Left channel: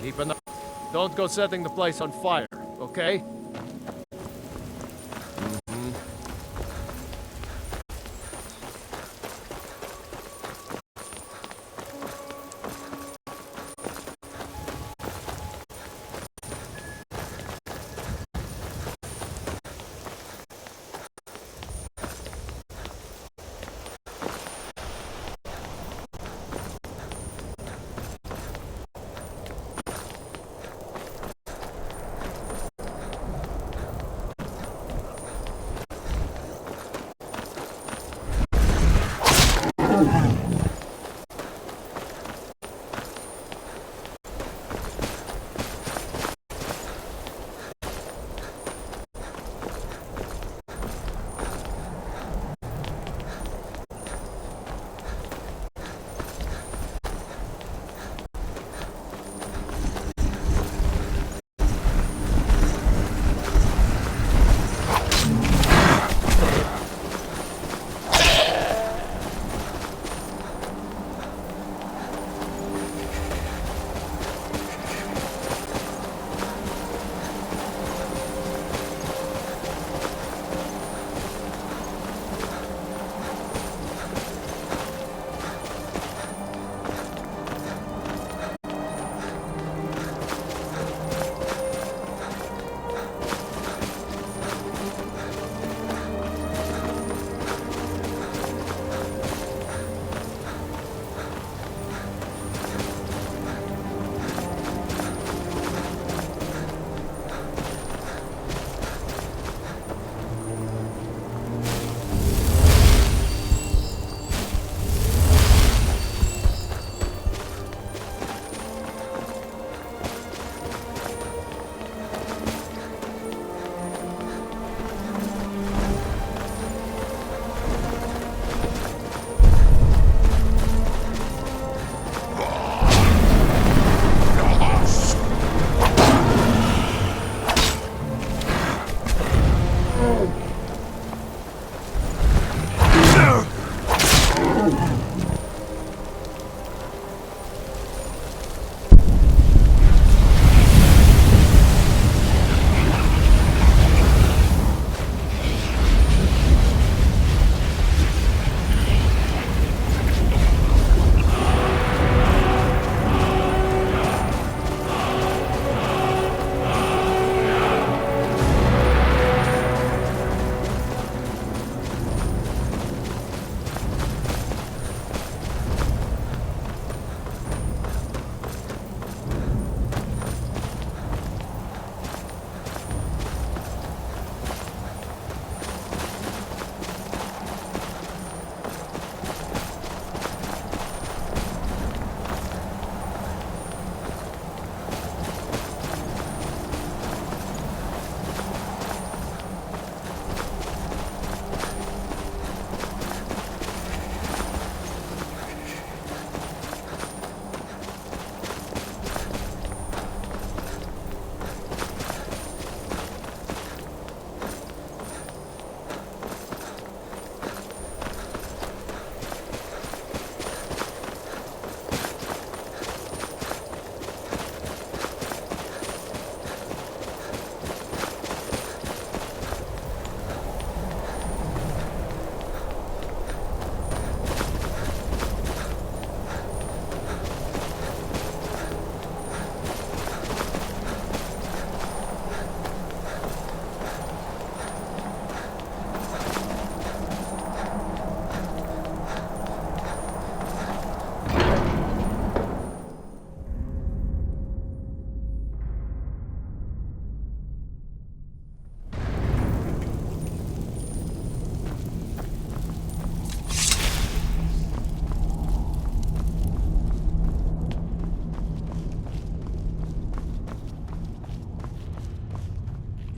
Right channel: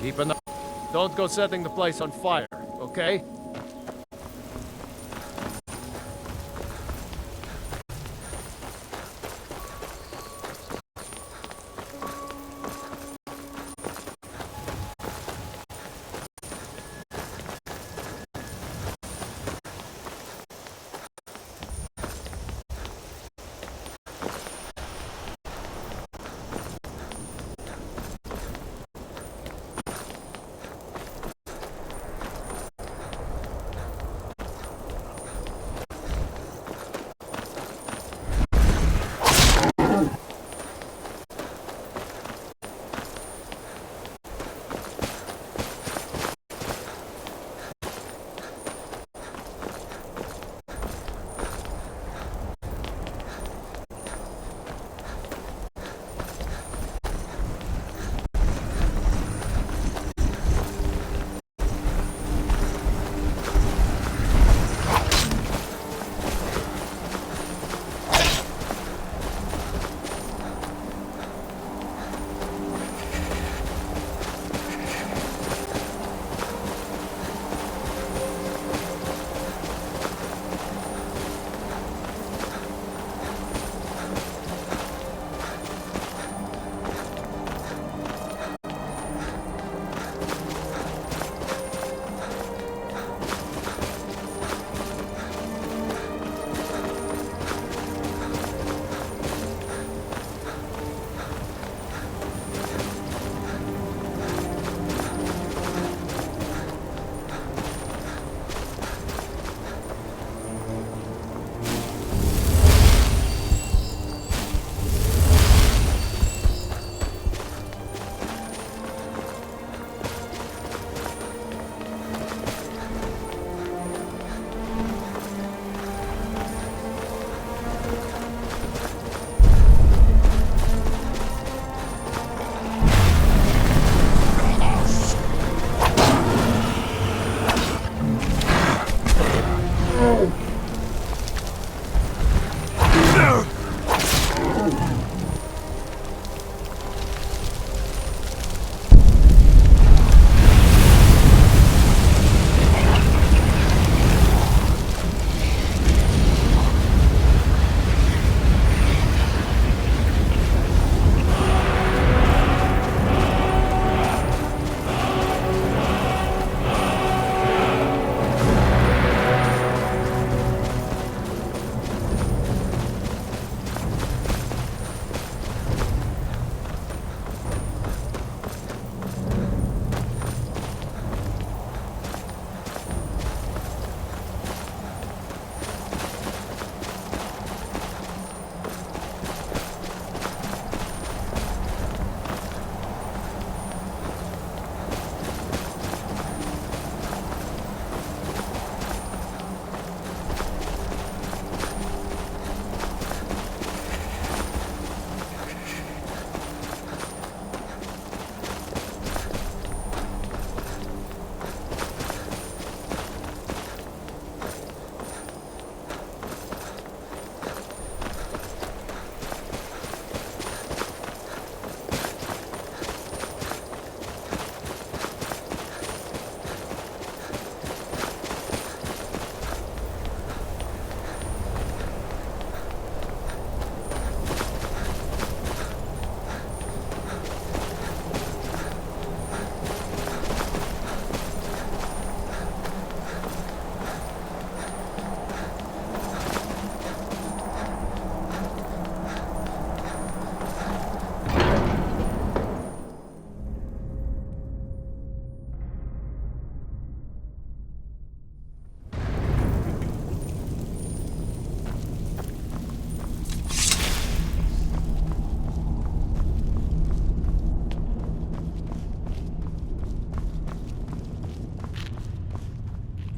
Keep an eye. Don't go setting the place on fire, okay?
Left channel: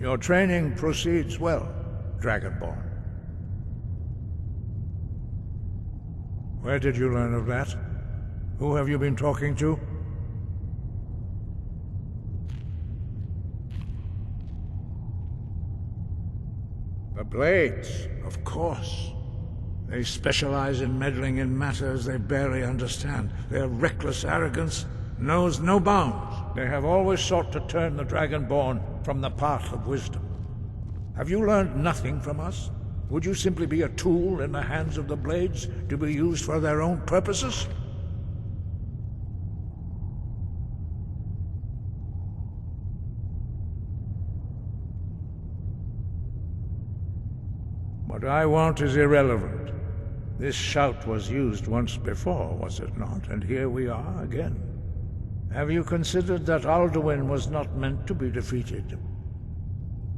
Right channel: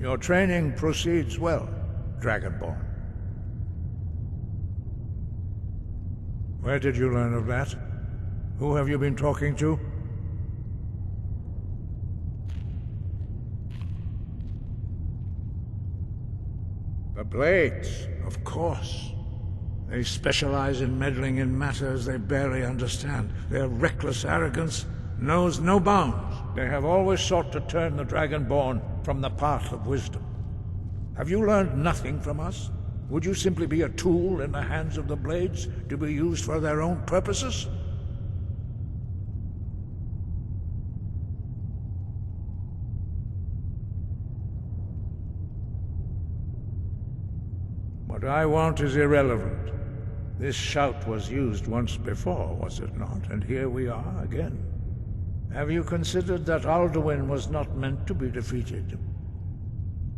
Your training proceeds well, Dragonborn. Where did you learn of that? Who have you been talking to? The Blades, of course. They specialize in meddling in matters they barely understand. Their reckless arrogance knows no bounds. They have always sought to turn the Dragonborn from the path of wisdom. Have you learned nothing from us? Would you simply be a tool in the hands of the Blades to be used for their own purposes? What I want is irrelevant. This shout was used once before, was it not? And here we are again. Have you considered that Alduin was not meant to be defeated?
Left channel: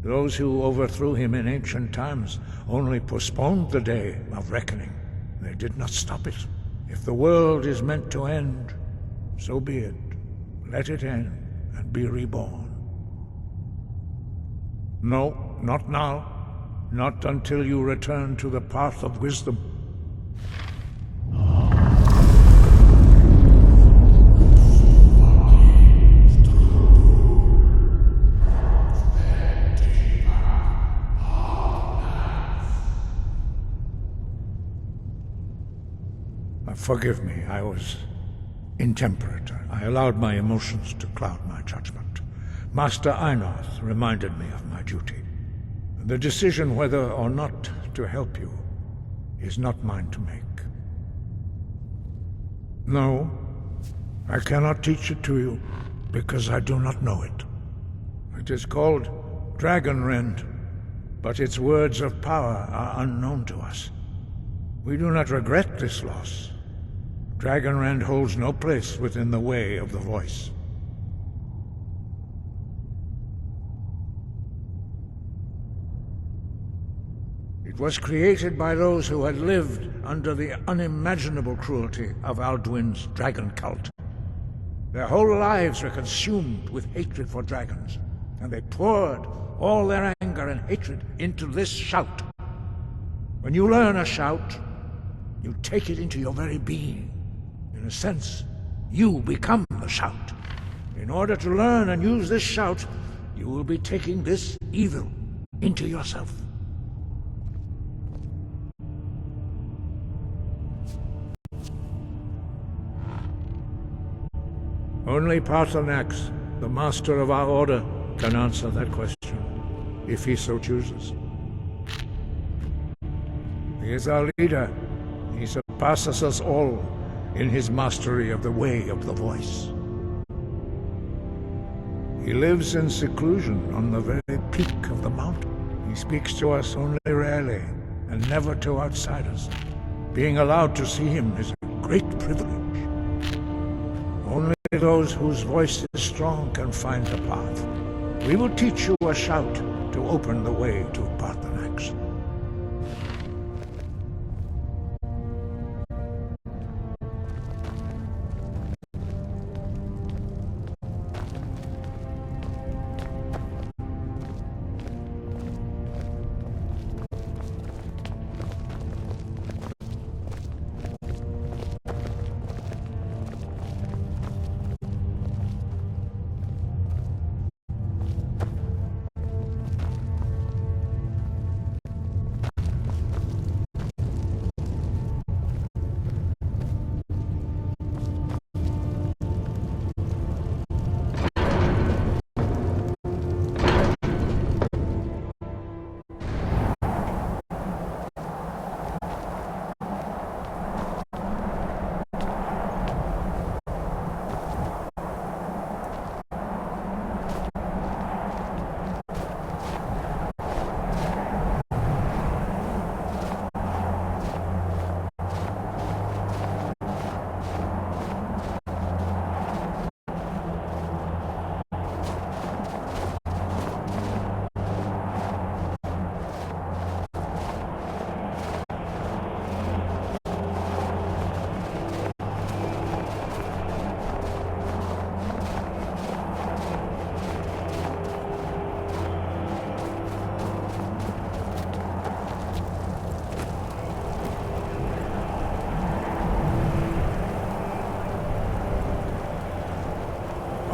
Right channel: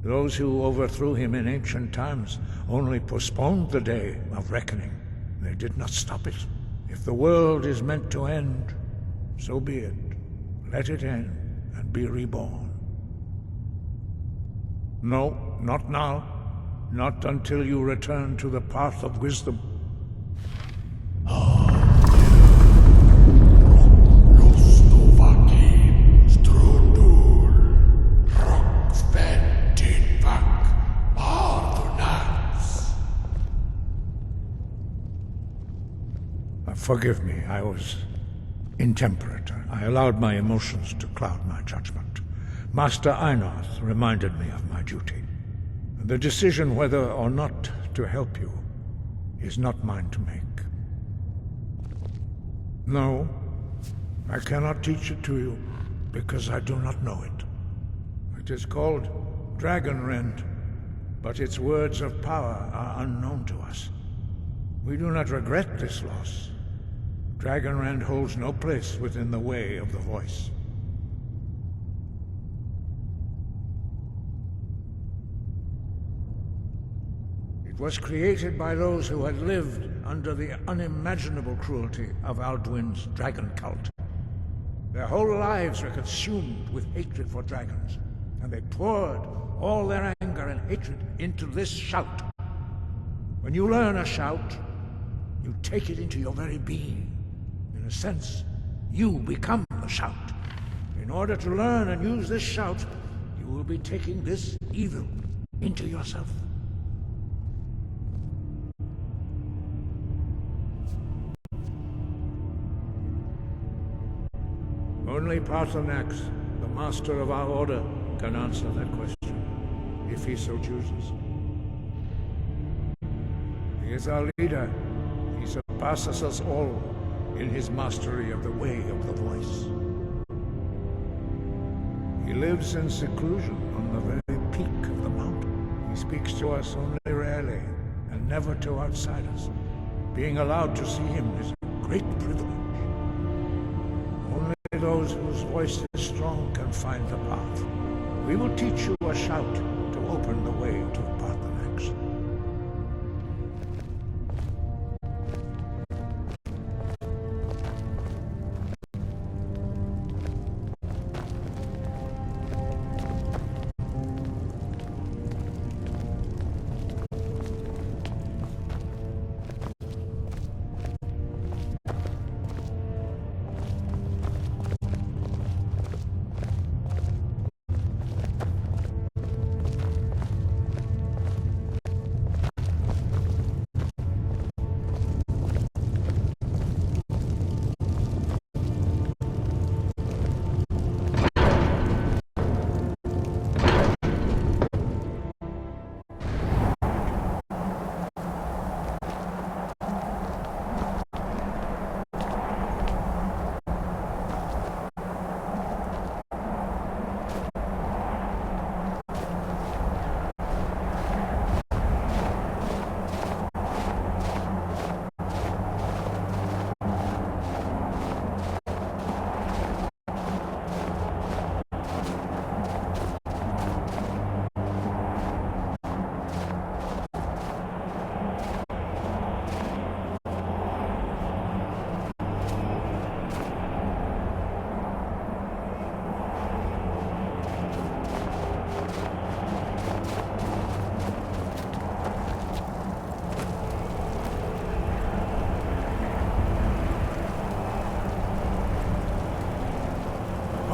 Those who overthrew him in ancient times only postponed the day of reckoning. They did not stop it. If the world is meant to end, so be it. Let it end and be reborn. No, not now. Not until you return to the path of wisdom. Forgive me, I was intemperate. I allowed my emotions to cloud my judgment. Master Einarth reminded me of my duty. The decision whether or not to help you is not mine to make. No, I cannot teach it to you, because I do not know it. It is called Dragonrend, but its words of power are unknown to us. We do not regret this loss. Dragonrend holds no place within the way of the voice. It was created by those who had lived under the unimaginable cruelty of Alduin's dragon cult. Their whole lives were consumed with hatred for dragons, and they poured all their anger and hatred into this shout. When you learn a shout, you take it into your very being. In a sense, you become the shout. In order to learn and use this shout, you will be taking this evil into yourself. Only Parthanax, the master of our order, can answer that question, if he so chooses. He is our leader. He surpasses us all in his mastery of the way of the voice. He lives in seclusion on the very peak of the mountain. He speaks to us only rarely, and never to outsiders. Being allowed to see him is a great privilege. Only those whose voice is strong can find the path. We will teach you a shout to open the way to Parthanax.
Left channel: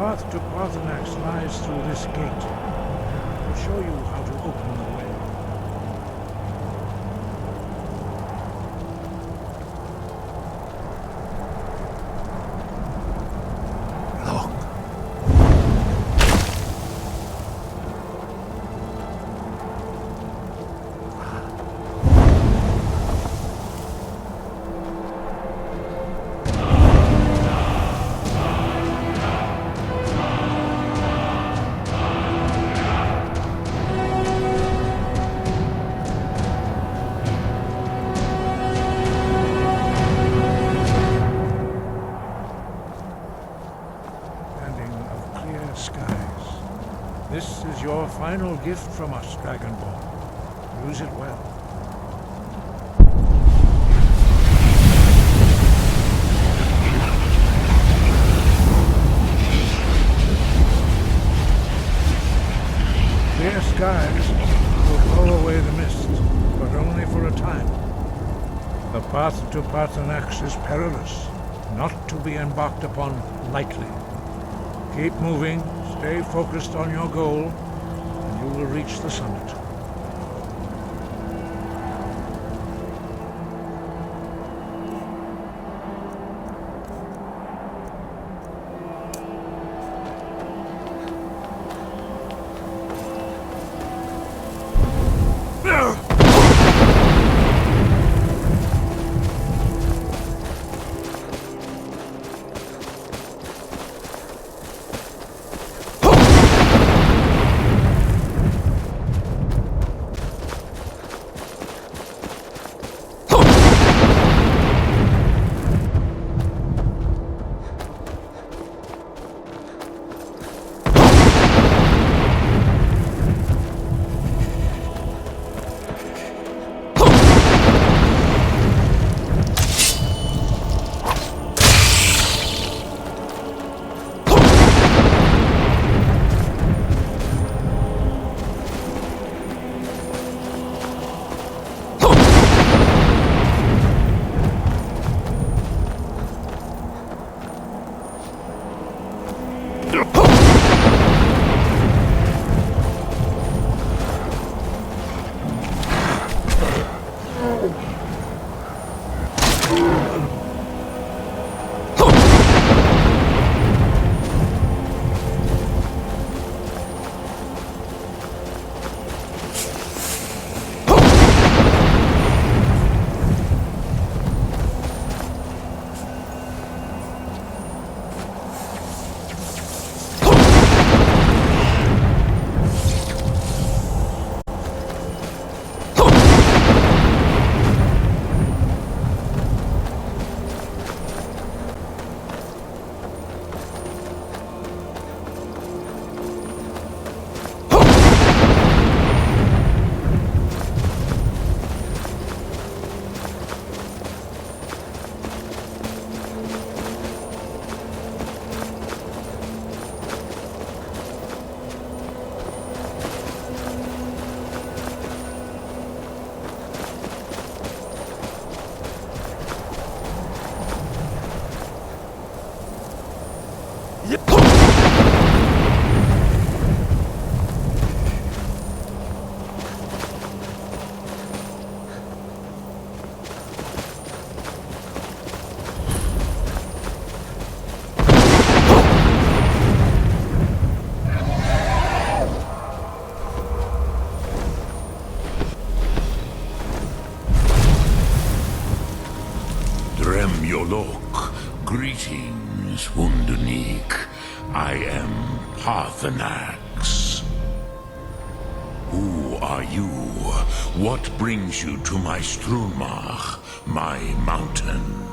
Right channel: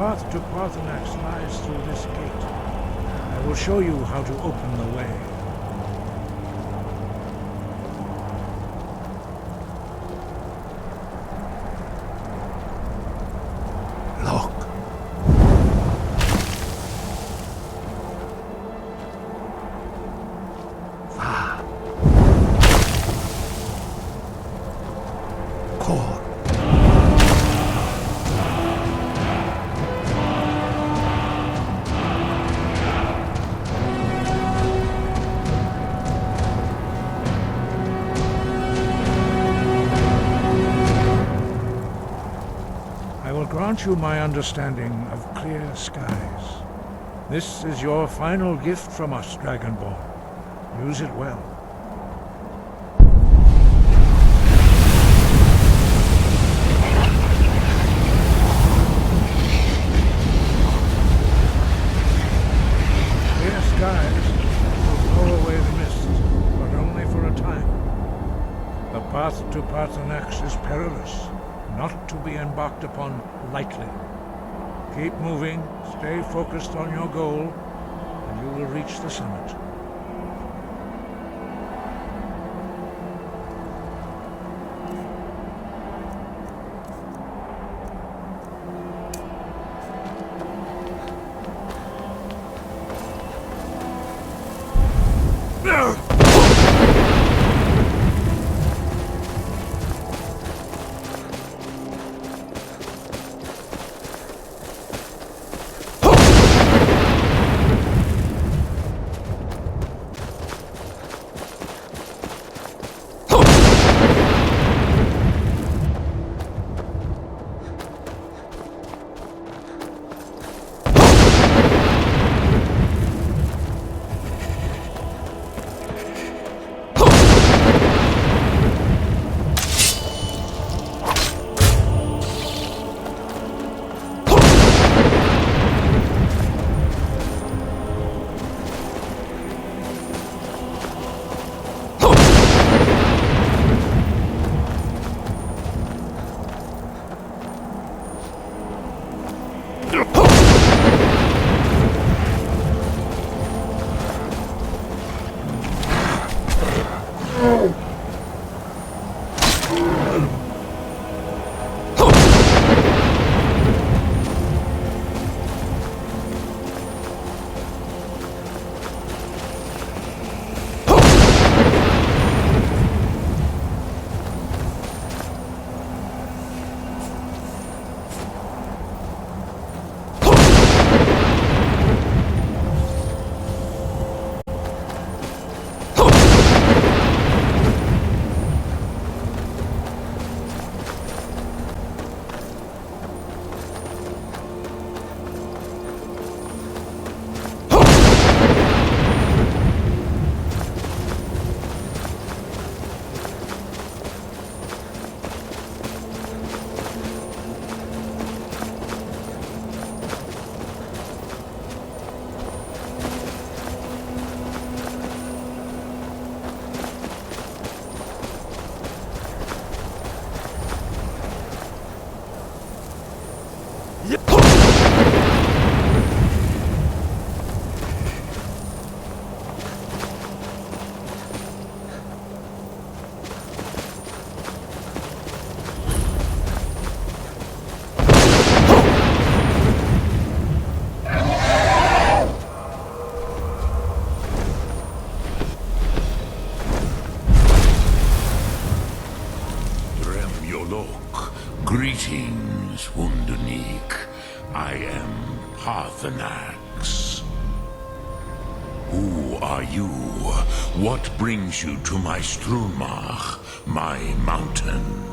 The path to Parthanax lies through this gate. I will show you how to open the way. grant you my understanding of clear skies. This is your final gift from us, Dragonborn. Use it well. Clear skies will blow away the mist, but only for a time. The path to Parthanax is perilous, not to be embarked upon lightly. Keep moving, stay focused on your goal, and you will reach the summit. Greetings, Wundernik. I am Parthanax. Who are you? What brings you to my Strunmach, my mountain?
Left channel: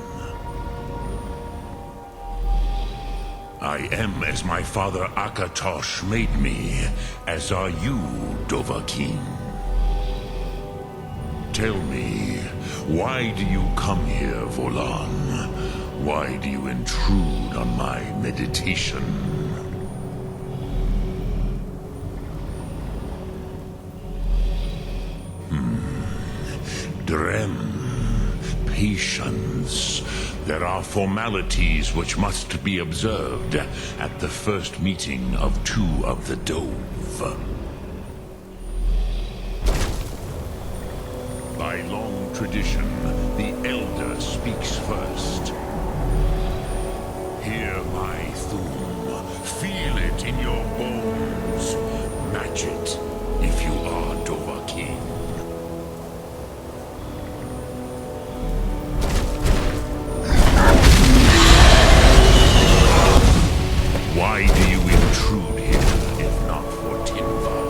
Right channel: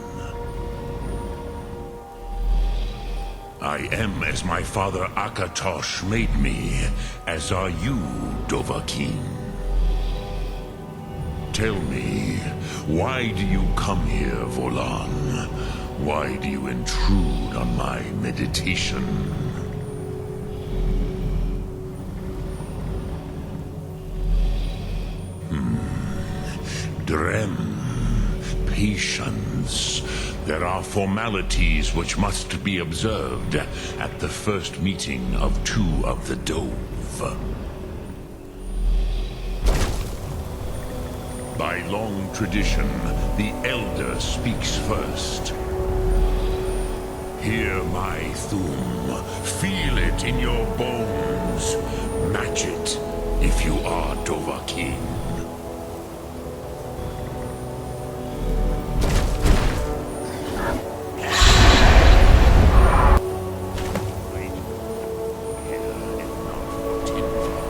I am as my father Akatosh made me, as are you, Dovahkiin. Tell me, why do you come here, Volan? Why do you intrude on my meditation? Drem. Patience. There are formalities which must be observed at the first meeting of two of the Dove. By long tradition, the Elder speaks first. Hear my Thum. Feel it in your bones. Match it if you are Dovahkiin. Why do you intrude here if not for Tinvar?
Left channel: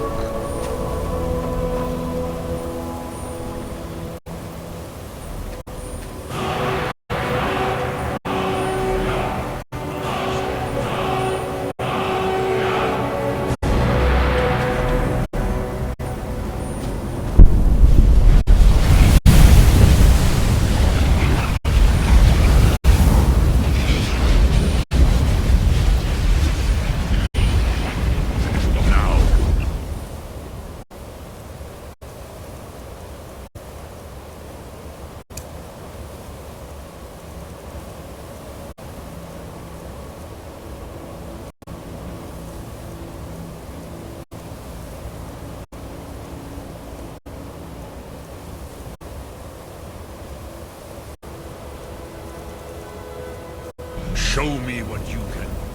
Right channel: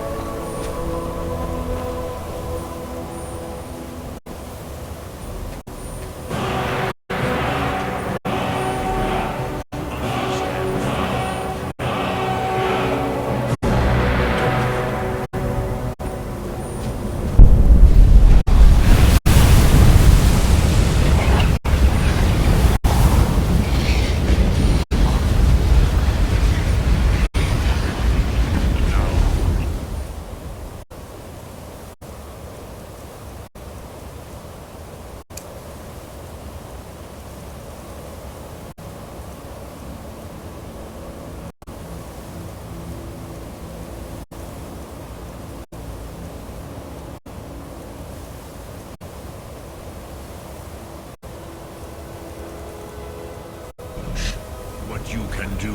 Show me what you can do.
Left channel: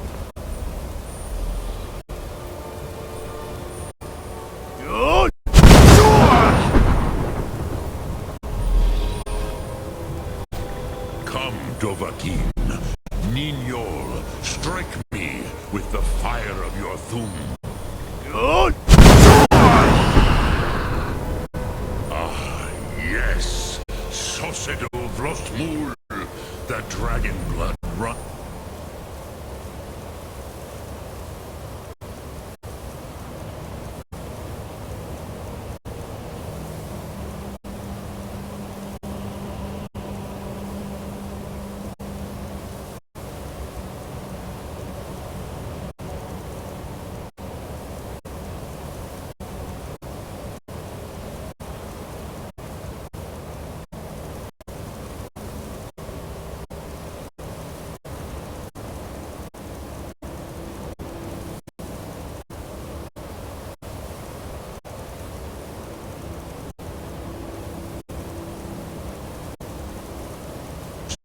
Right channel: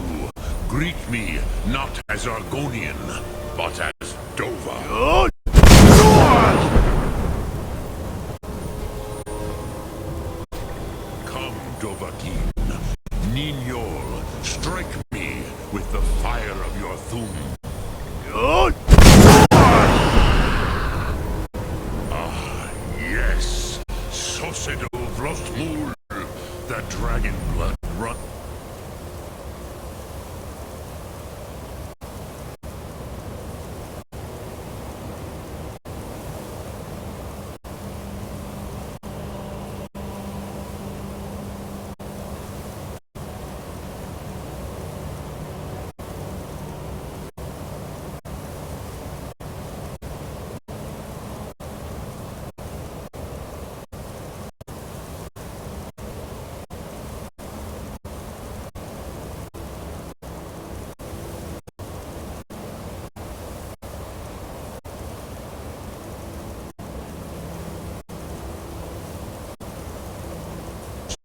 Greet me not as Argonian, but as Dova. Come, Dovahkiin. Ninyol, strike me with the fire of your Thum. Ah, yes. Sosedol Vrostmul, the dragon blood run.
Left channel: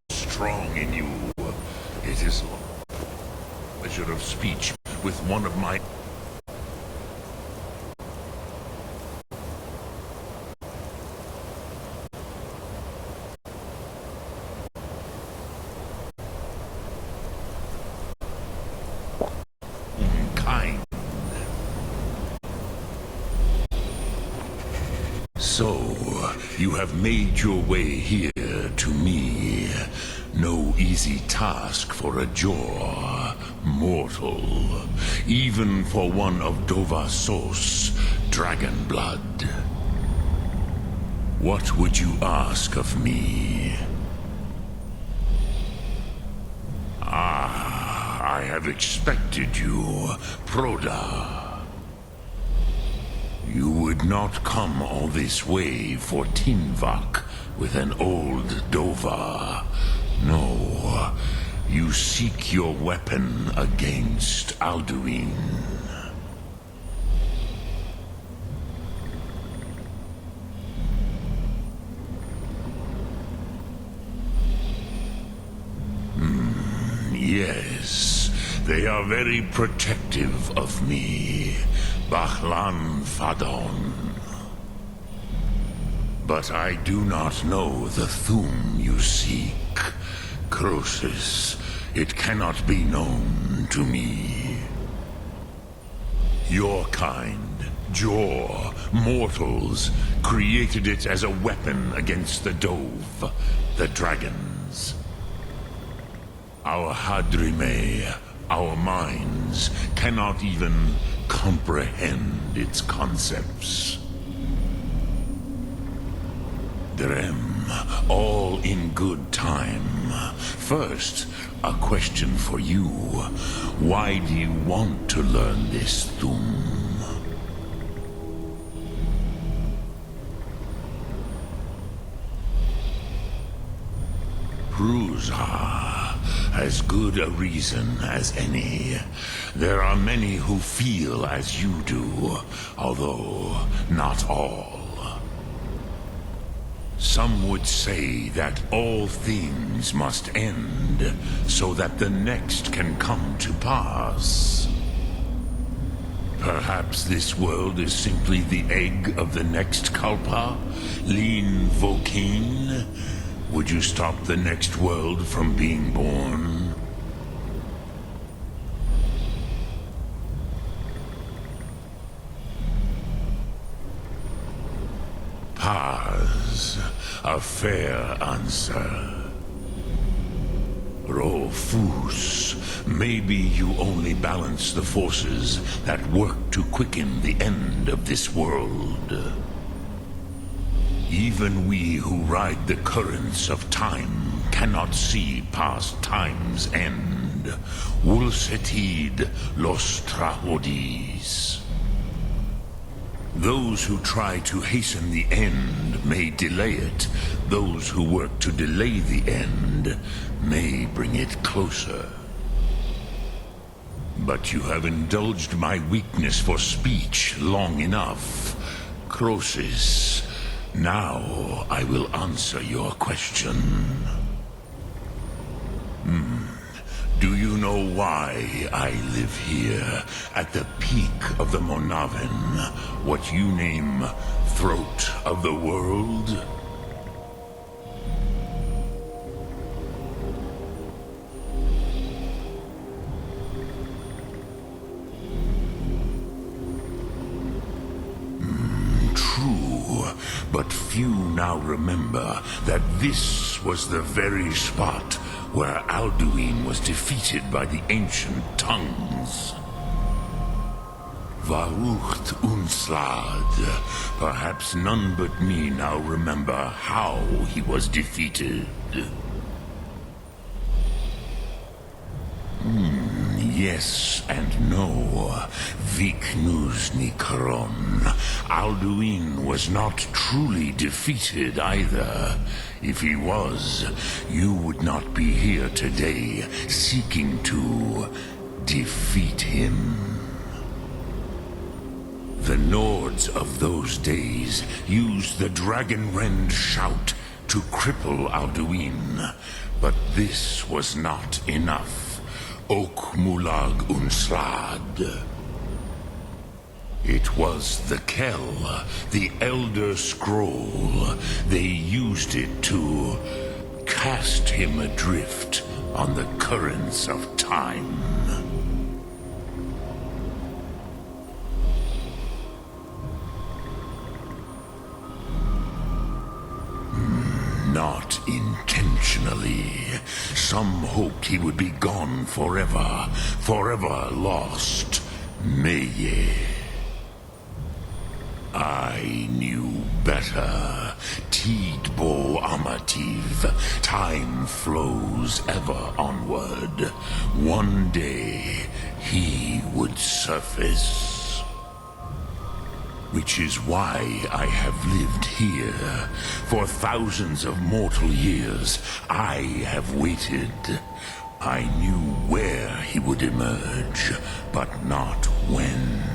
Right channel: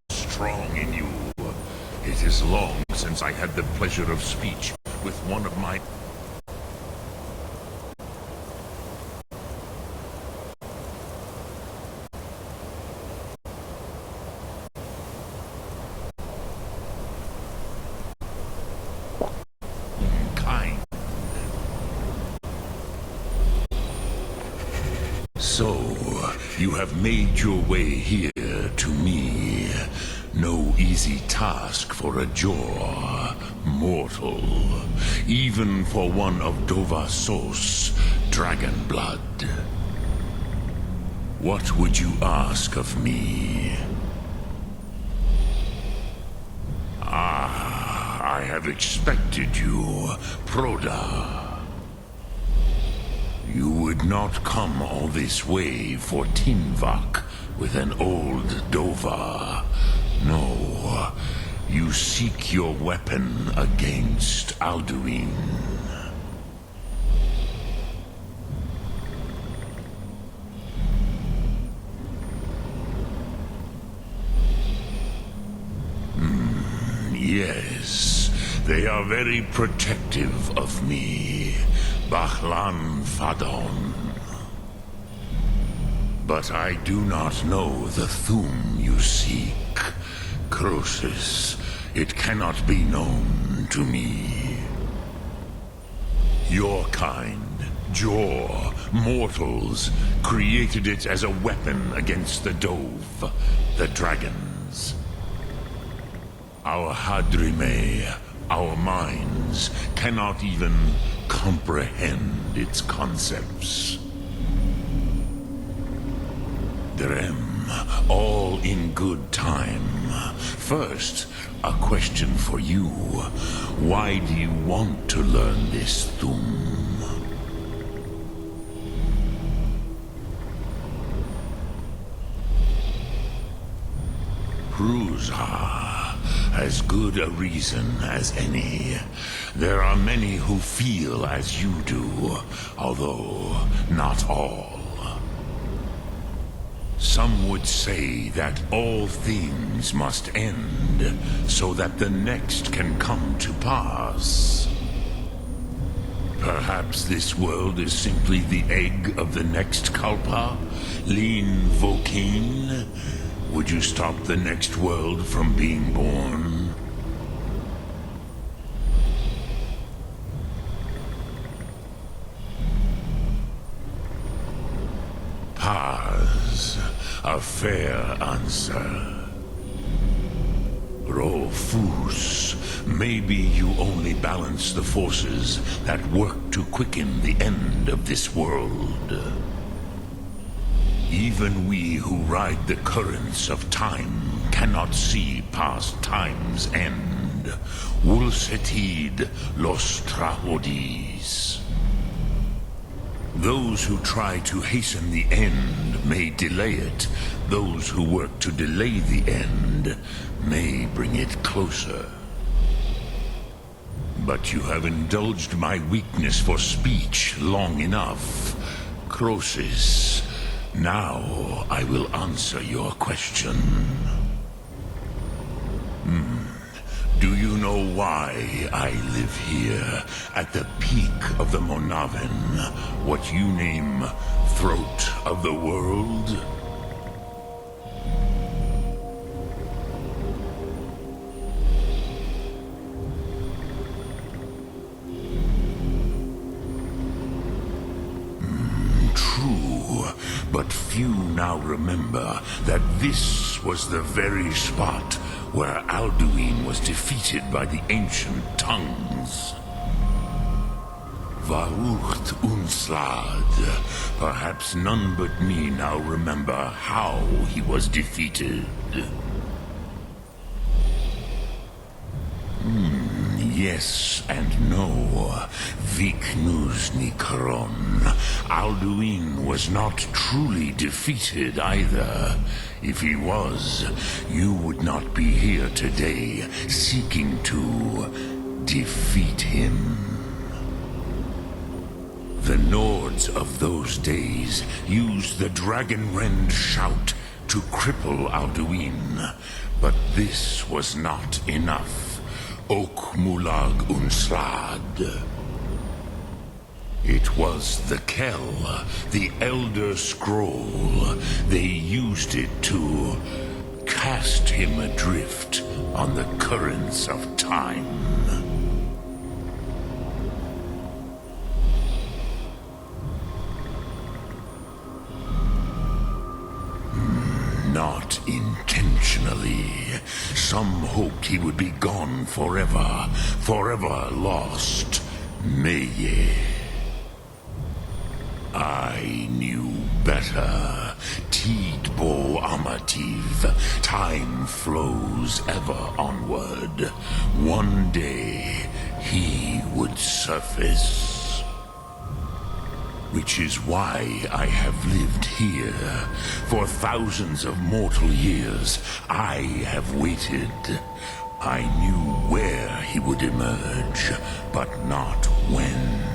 Strong in you. It is long since I had the pleasure of speech with one of my... kind. So, you have made your way here to me. No easy task for a Jor mortal, even for one of Dovahsos, dragon blood. What would you ask of me? Ah, I have expected you, Proda. You would not come all this way for Tinvak with an old Dova. No, you seek your weapon against Alduin. Yes, they are very protective of me, Bachlan Fadon. But I do not know the Thum you seek. Croesus, it cannot be known to me. Your kind, Jor, mortals, created it as a weapon against the Dove, the dragons. Our Hadrime, our minds, cannot even comprehend its concepts. Drem, all in good time. First, a question for you. Why do you want to learn this Thum? Prusa, as good a reason as any. There are many who feel as you do, although not all. Some would say that all things must end, so that the next can come to pass. Perhaps this world is simply the egg of the next Kalpa, Lean Vokeen. Would you stop the next world from being born? Paz, a fair answer. Rofus, maybe you only balance the forces that work to quicken the end of this world. Even we who ride the currents of time cannot see past time's end. Wulsetid los trahodis. Those who try to hasten the end may delay it. Those who work to delay the end may bring it closer. But you have indulged my weakness for speech long enough. Croesus, now I will answer your question. Do know why I live here, at the peak of the Monaven, what you name throat of the world? True, but few now remember that this was the very spot where Alduin was defeated by the ancient tongues. Varucht Unslad. Perhaps none but me now remember how he was defeated. Yes and no. Viknus Nikron. Alduin was not truly defeated either. If he was, you would not be here today seeking to defeat him. The Nords of those days used the Dragonrend shout to cripple Alduin, but this was not enough. Ok Mulag Unslad. It was the Kell, the Elder Scroll. They used it to cast him adrift on the currents of time. Not intentionally. Some hoped he would be gone forever, forever lost. Meye. I knew better. Tidbo Amativ. Time flows ever onward. One day, he would surface. Which is why I have lived here. For thousands of mortal years, I have waited. I knew where he would emerge, but not when.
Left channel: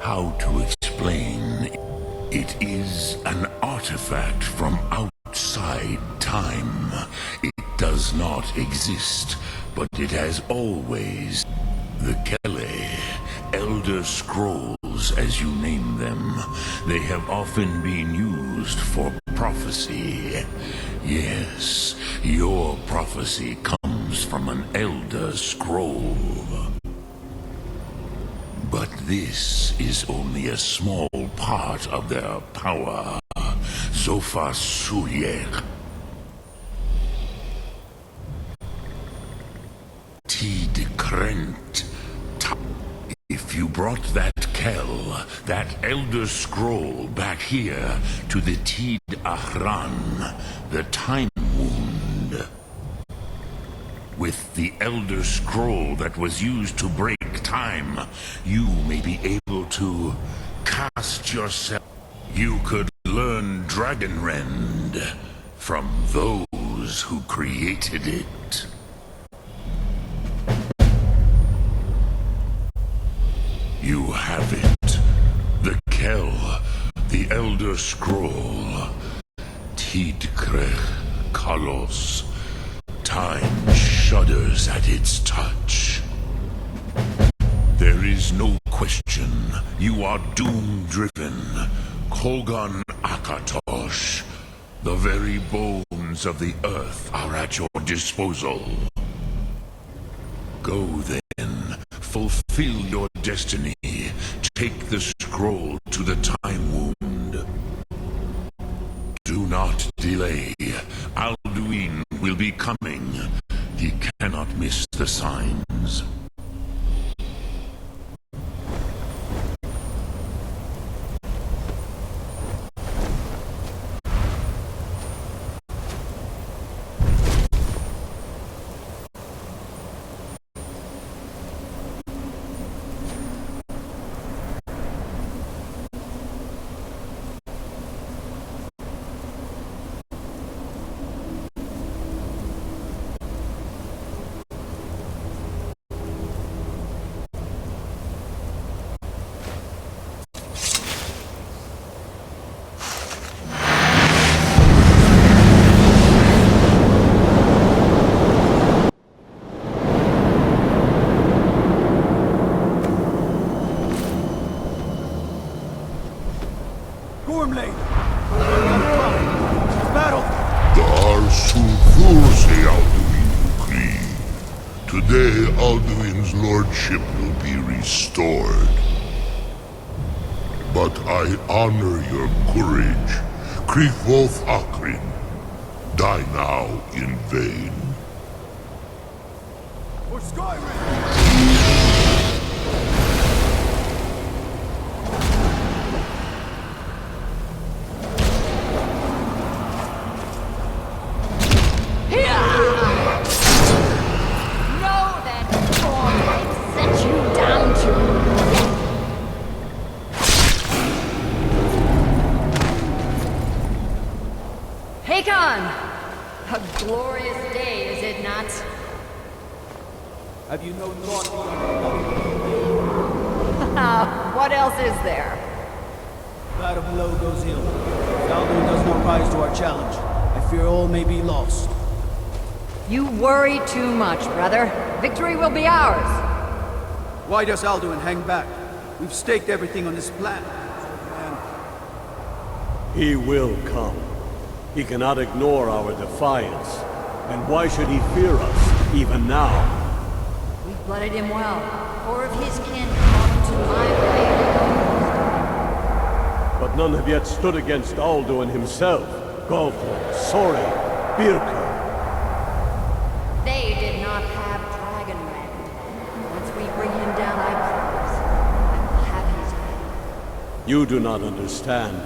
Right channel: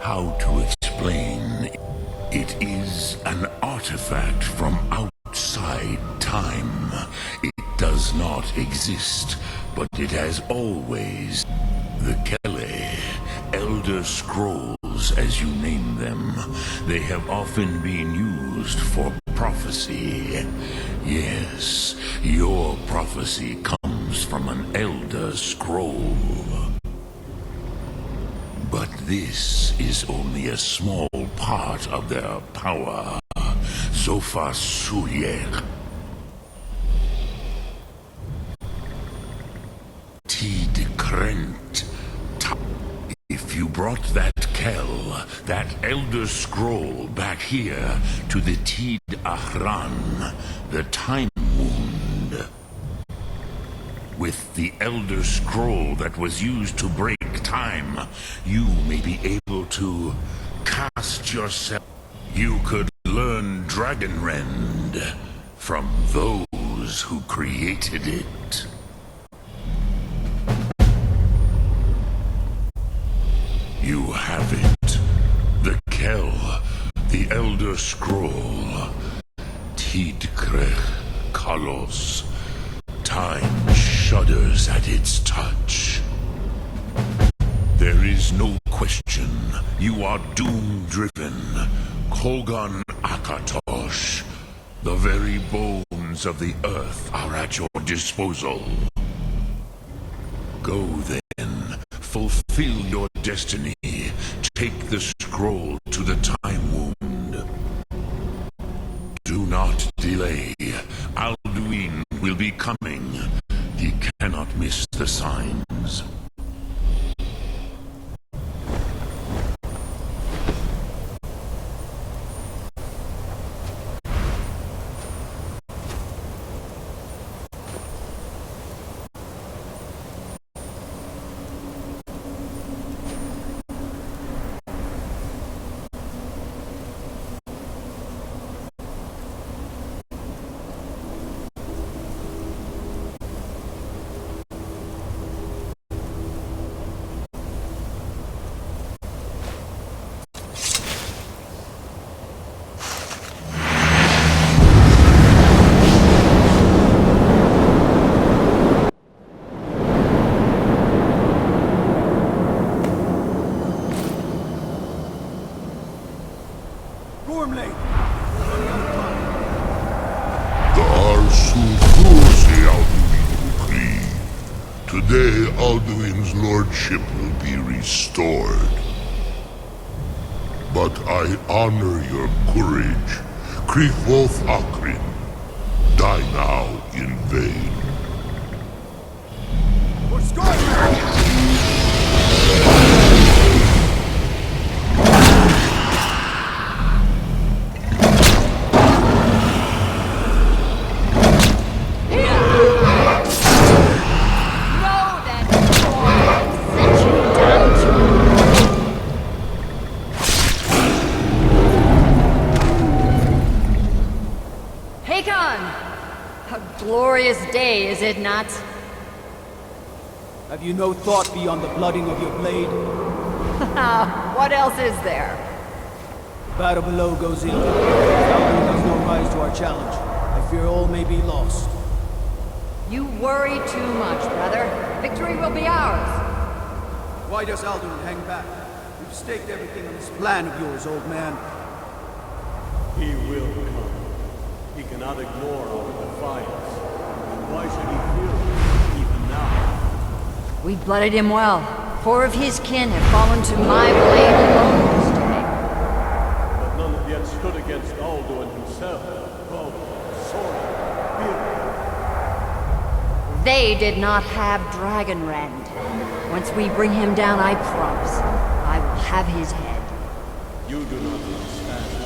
How to explain? It is an artifact from outside time. It does not exist, but it has always. The Kele, Elder Scrolls as you name them, they have often been used for prophecy. Yes, your prophecy comes from an Elder Scroll. But this is only a small part of their power. Zofa Suyer. Tid Krent. If you brought that Kell, that Elder Scroll back here to the Tid Ahran, the Time Wound. With the Elder Scroll that was used to break time, you may be able to cast yourself. You could learn Dragonrend from those who created it. You have it. The Kell, the Elder Scroll. Tidkrech Kalos. Time shudders at its touch. There is no question. You are doom-driven. Kogan Akatosh. The very bones of the earth are at your disposal. Go then. Fulfill your destiny. Take the scroll to the Time Wound. Do not delay. Alduin will be coming. He cannot miss the signs. Gormlade! Battle! Dar Sulthurse Alduin Ukri. Today, Alduin's lordship will be restored. But I honor your courage. Krifwolf Akrin. Die now in vain. For Skyrim! A glorious day, is it not? Have you no thought beyond the blooding of your blade? What else is there? The battle below goes ill. If Alduin does not rise to our challenge, I fear all may be lost. You worry too much, brother. Victory will be ours. Why does Alduin hang back? We've staked everything on this plan of yours, old man. He will come. He cannot ignore our defiance. And why should he fear us, even now? We blooded him well. 4 of his kin have fallen to my blade alone this day. But none have yet stood against Alduin himself. Gulfur, Sori, Birka. They did not have Dragonrend. Once we bring him down, I promise, I will have his head. You do not understand.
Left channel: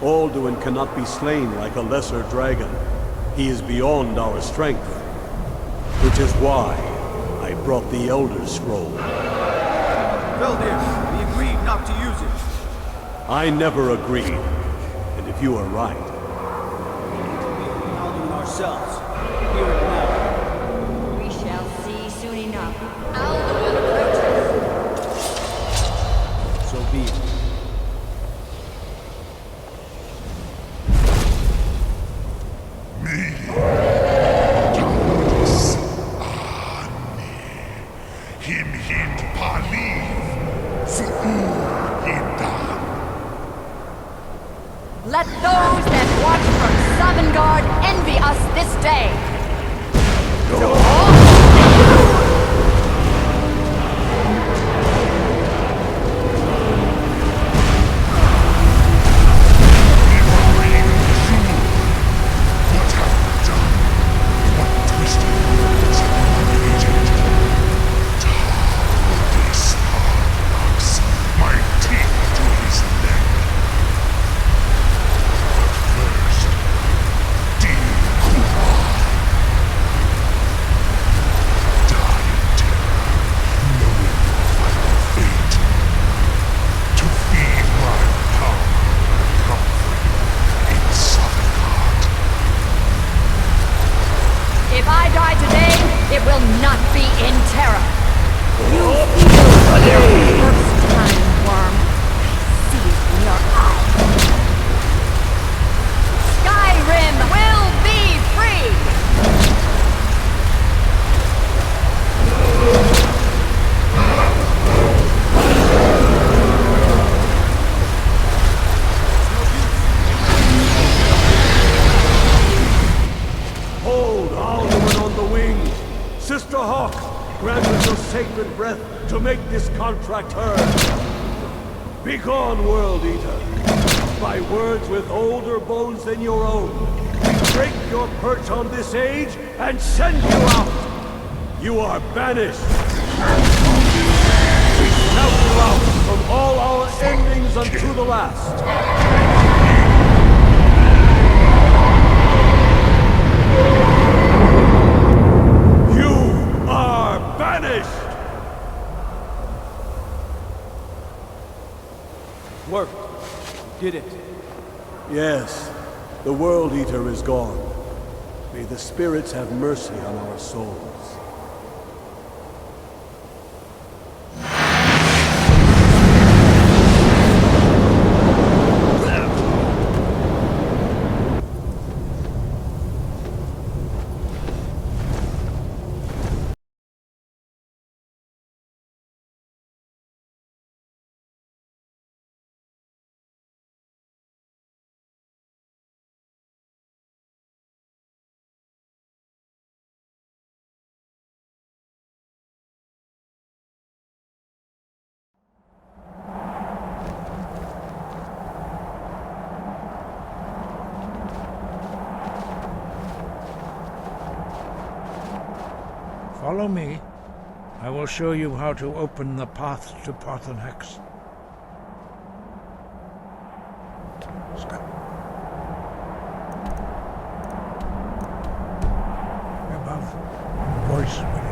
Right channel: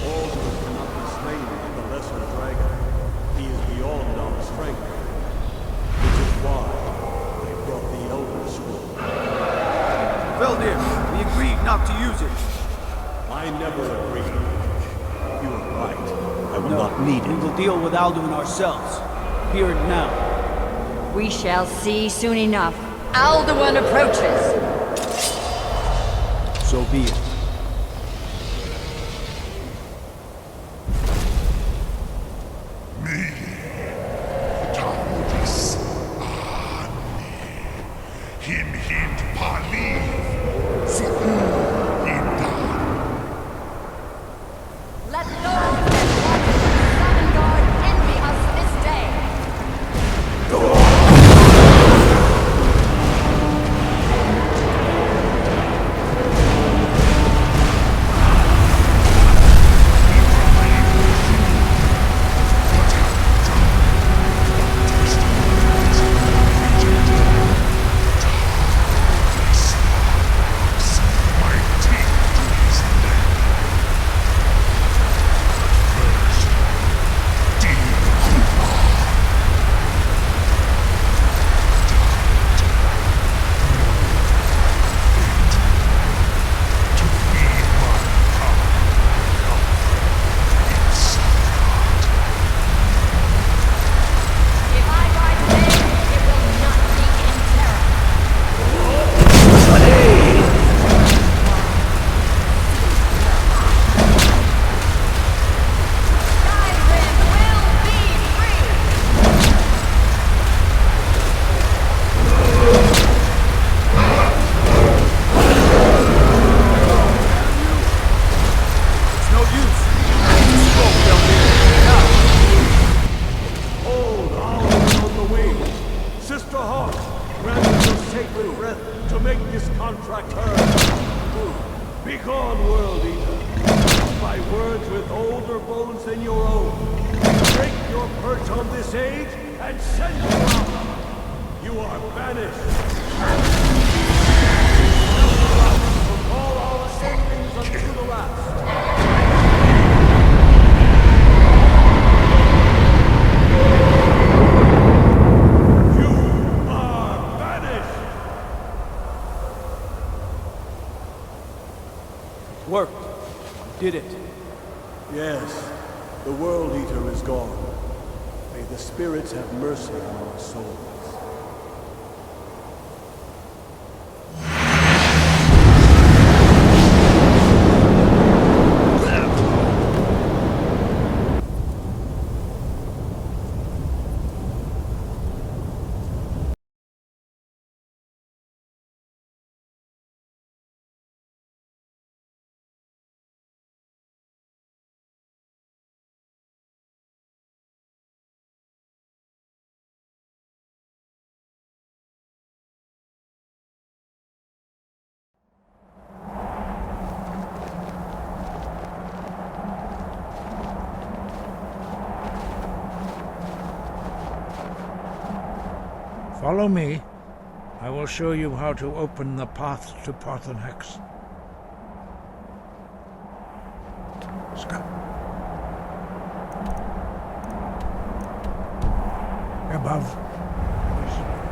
Alduin cannot be slain like a lesser dragon. He is beyond our strength. Which is why I brought the Elder Scroll. Veldir, we agreed not to use it. I never agreed. And if you are right, I will not need We it. will deal with Alduin ourselves. Here and now. We shall see soon enough. Alduin approaches. So be it. Tullis Ani. Him hint paliv. Zuur hindan. Let those that watch from Sovngarde envy us this day. What have you done? What twisted words have you created? Tullis parthanax. My teeth to his neck. But first, dear Kumar. Die in terror, knowing the final fate. To feed my power and comfort in Sovngarde. If I die today, it will not be in terror. You feel your first time, worm. See it in your eyes. Skyrim will be free! It's no use. Hold Alduin on the wing! Sister Hawk, grant us your sacred breath to make this contract heard. Begone, World Eater. By words with older bones than your own, we break your perch on this age and send you out! You are banished! We count you out from all our endings unto the last! You are banished! Worked. We did it. Yes, the World Eater is gone. May the spirits have mercy on our souls. Follow me. I will show you how to open the path to Parthanax. Scott. Above, voice within.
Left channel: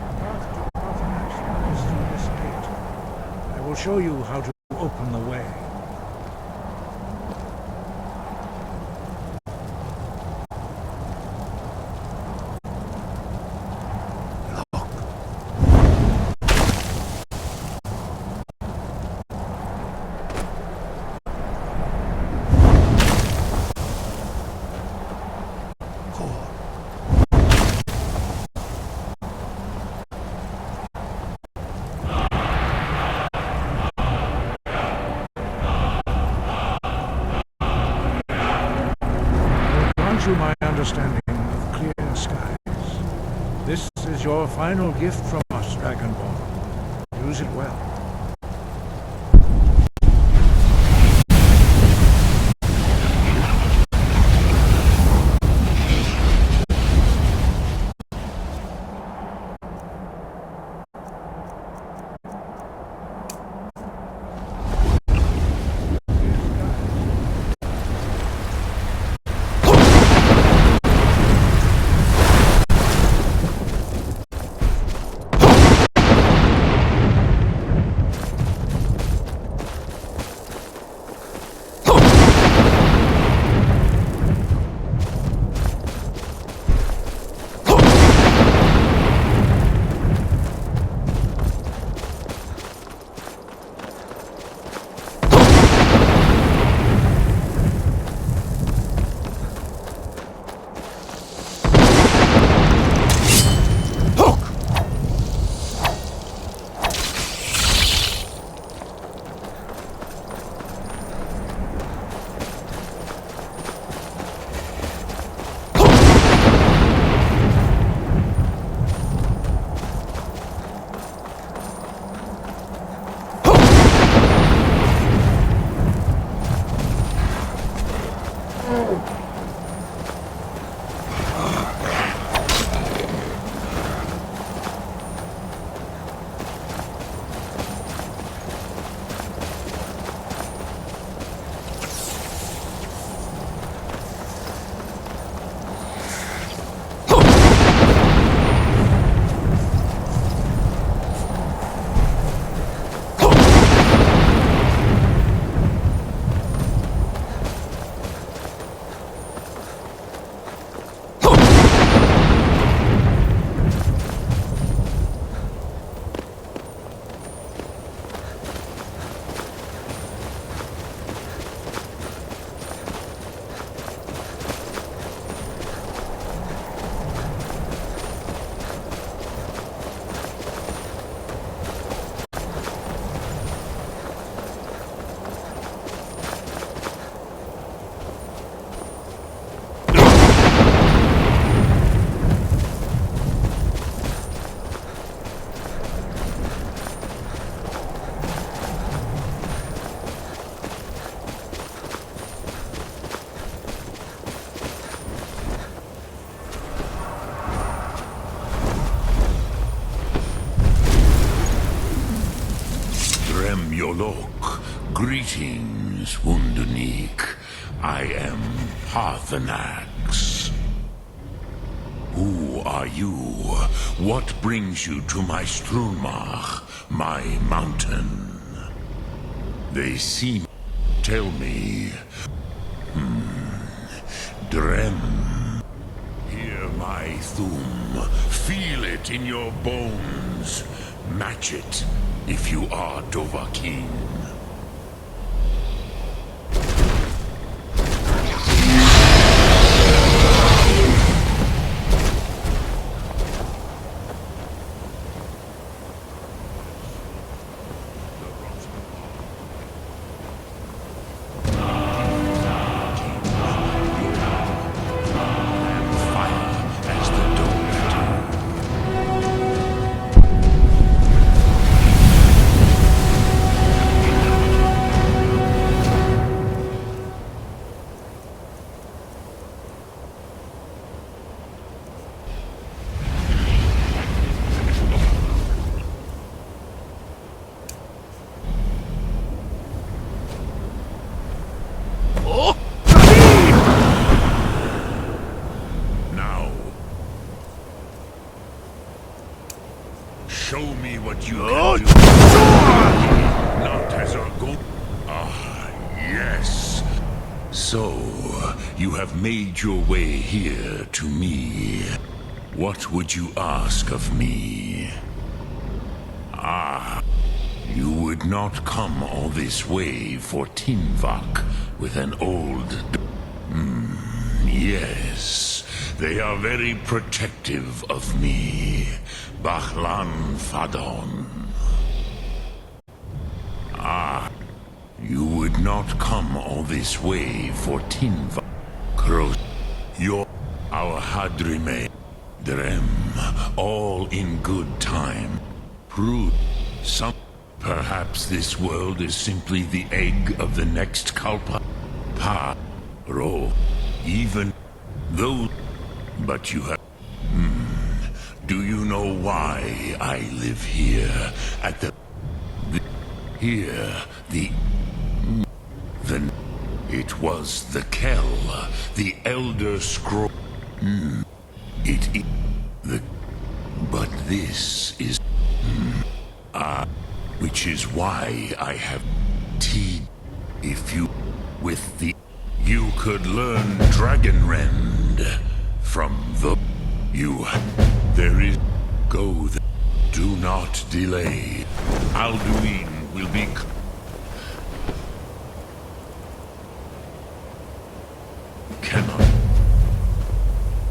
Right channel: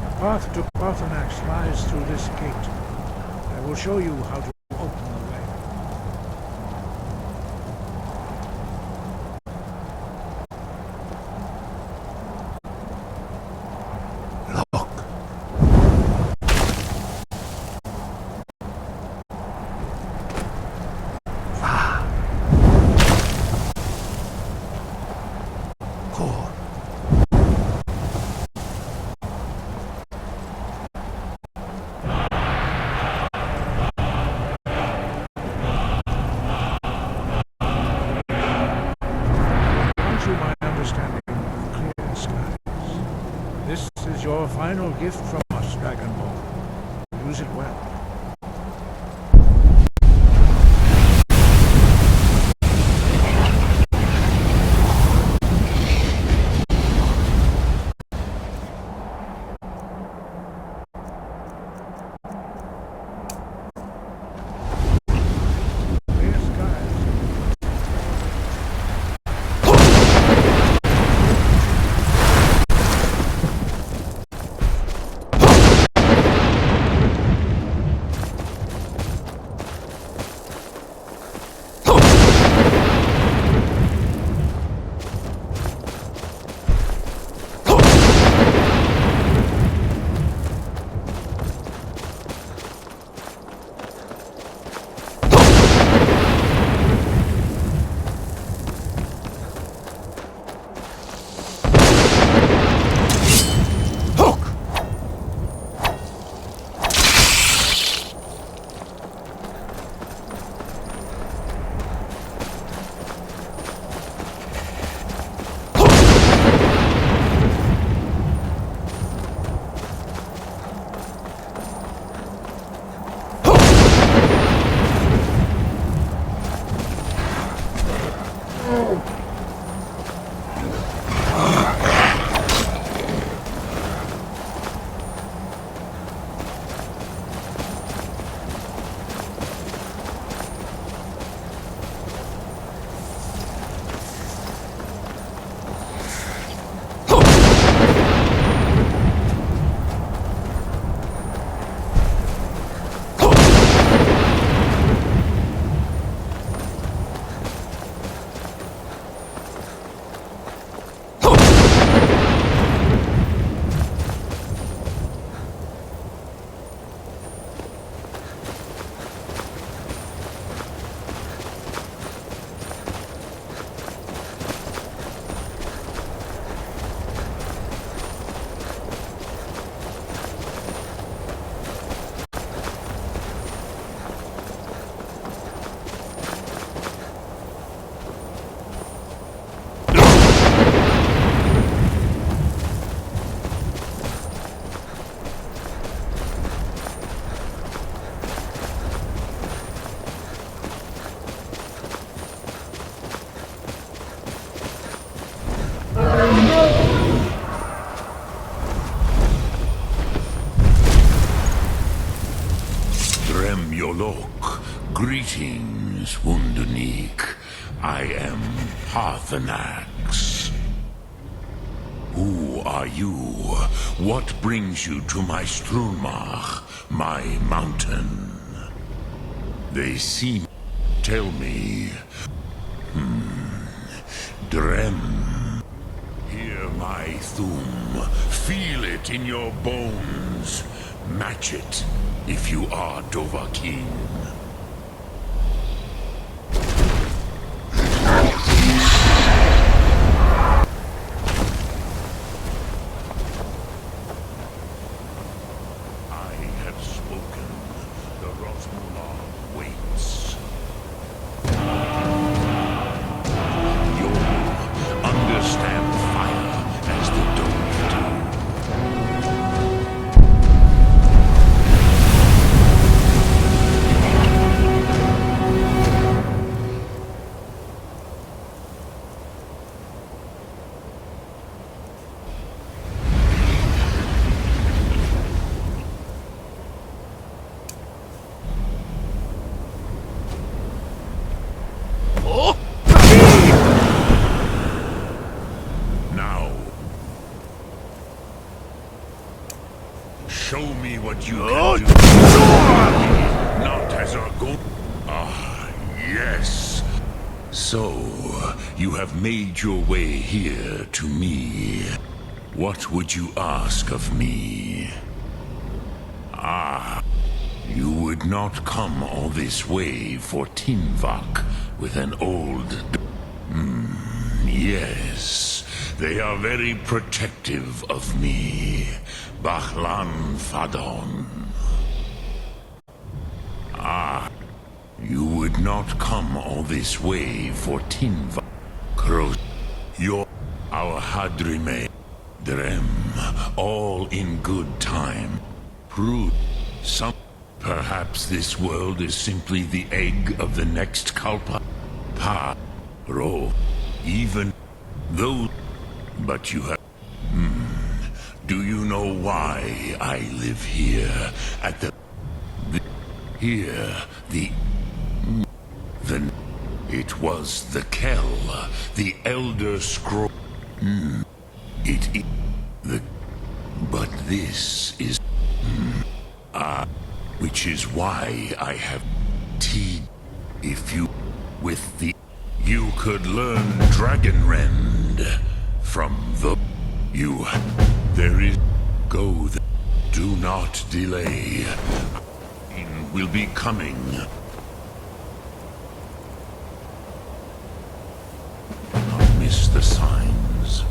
The path to Parthanax lies through this gate. I will show you how to open the way. Look. Core. You my understanding of clear skies. This is your final gift from us, Dragonborn. Use it well. Greetings, Wunderneek. I am Parthanax. Who are you? What brings you to my Strunmach, my mountain? They seem... Tell me... Drem. Hear my thum. Feel it in your bones. Match it, if you are Dovahkiin. Show me what you can do. Not as a go. Ah, yes. So, you have made your way here to me. What would you ask of me? Ah, you would not come all this way for Tinvak with an old... yes. They are very protective of me. Bachlan Fadon. Ah, you would not come all this way for Tinva. Kros, our Hadrime, Drem, all in good time. Prove some. Perhaps this world is simply the egg of the next Kalpa. Pa, Ro, even though. But you have... Do you know why I live here at the... It was the Kell, the Elder Scroll. But this is... which is why I have... If you... With the... You could learn Dragonrend from the... There is... Go there. Do not delay. Alduin will be coming. Cannot miss the signs.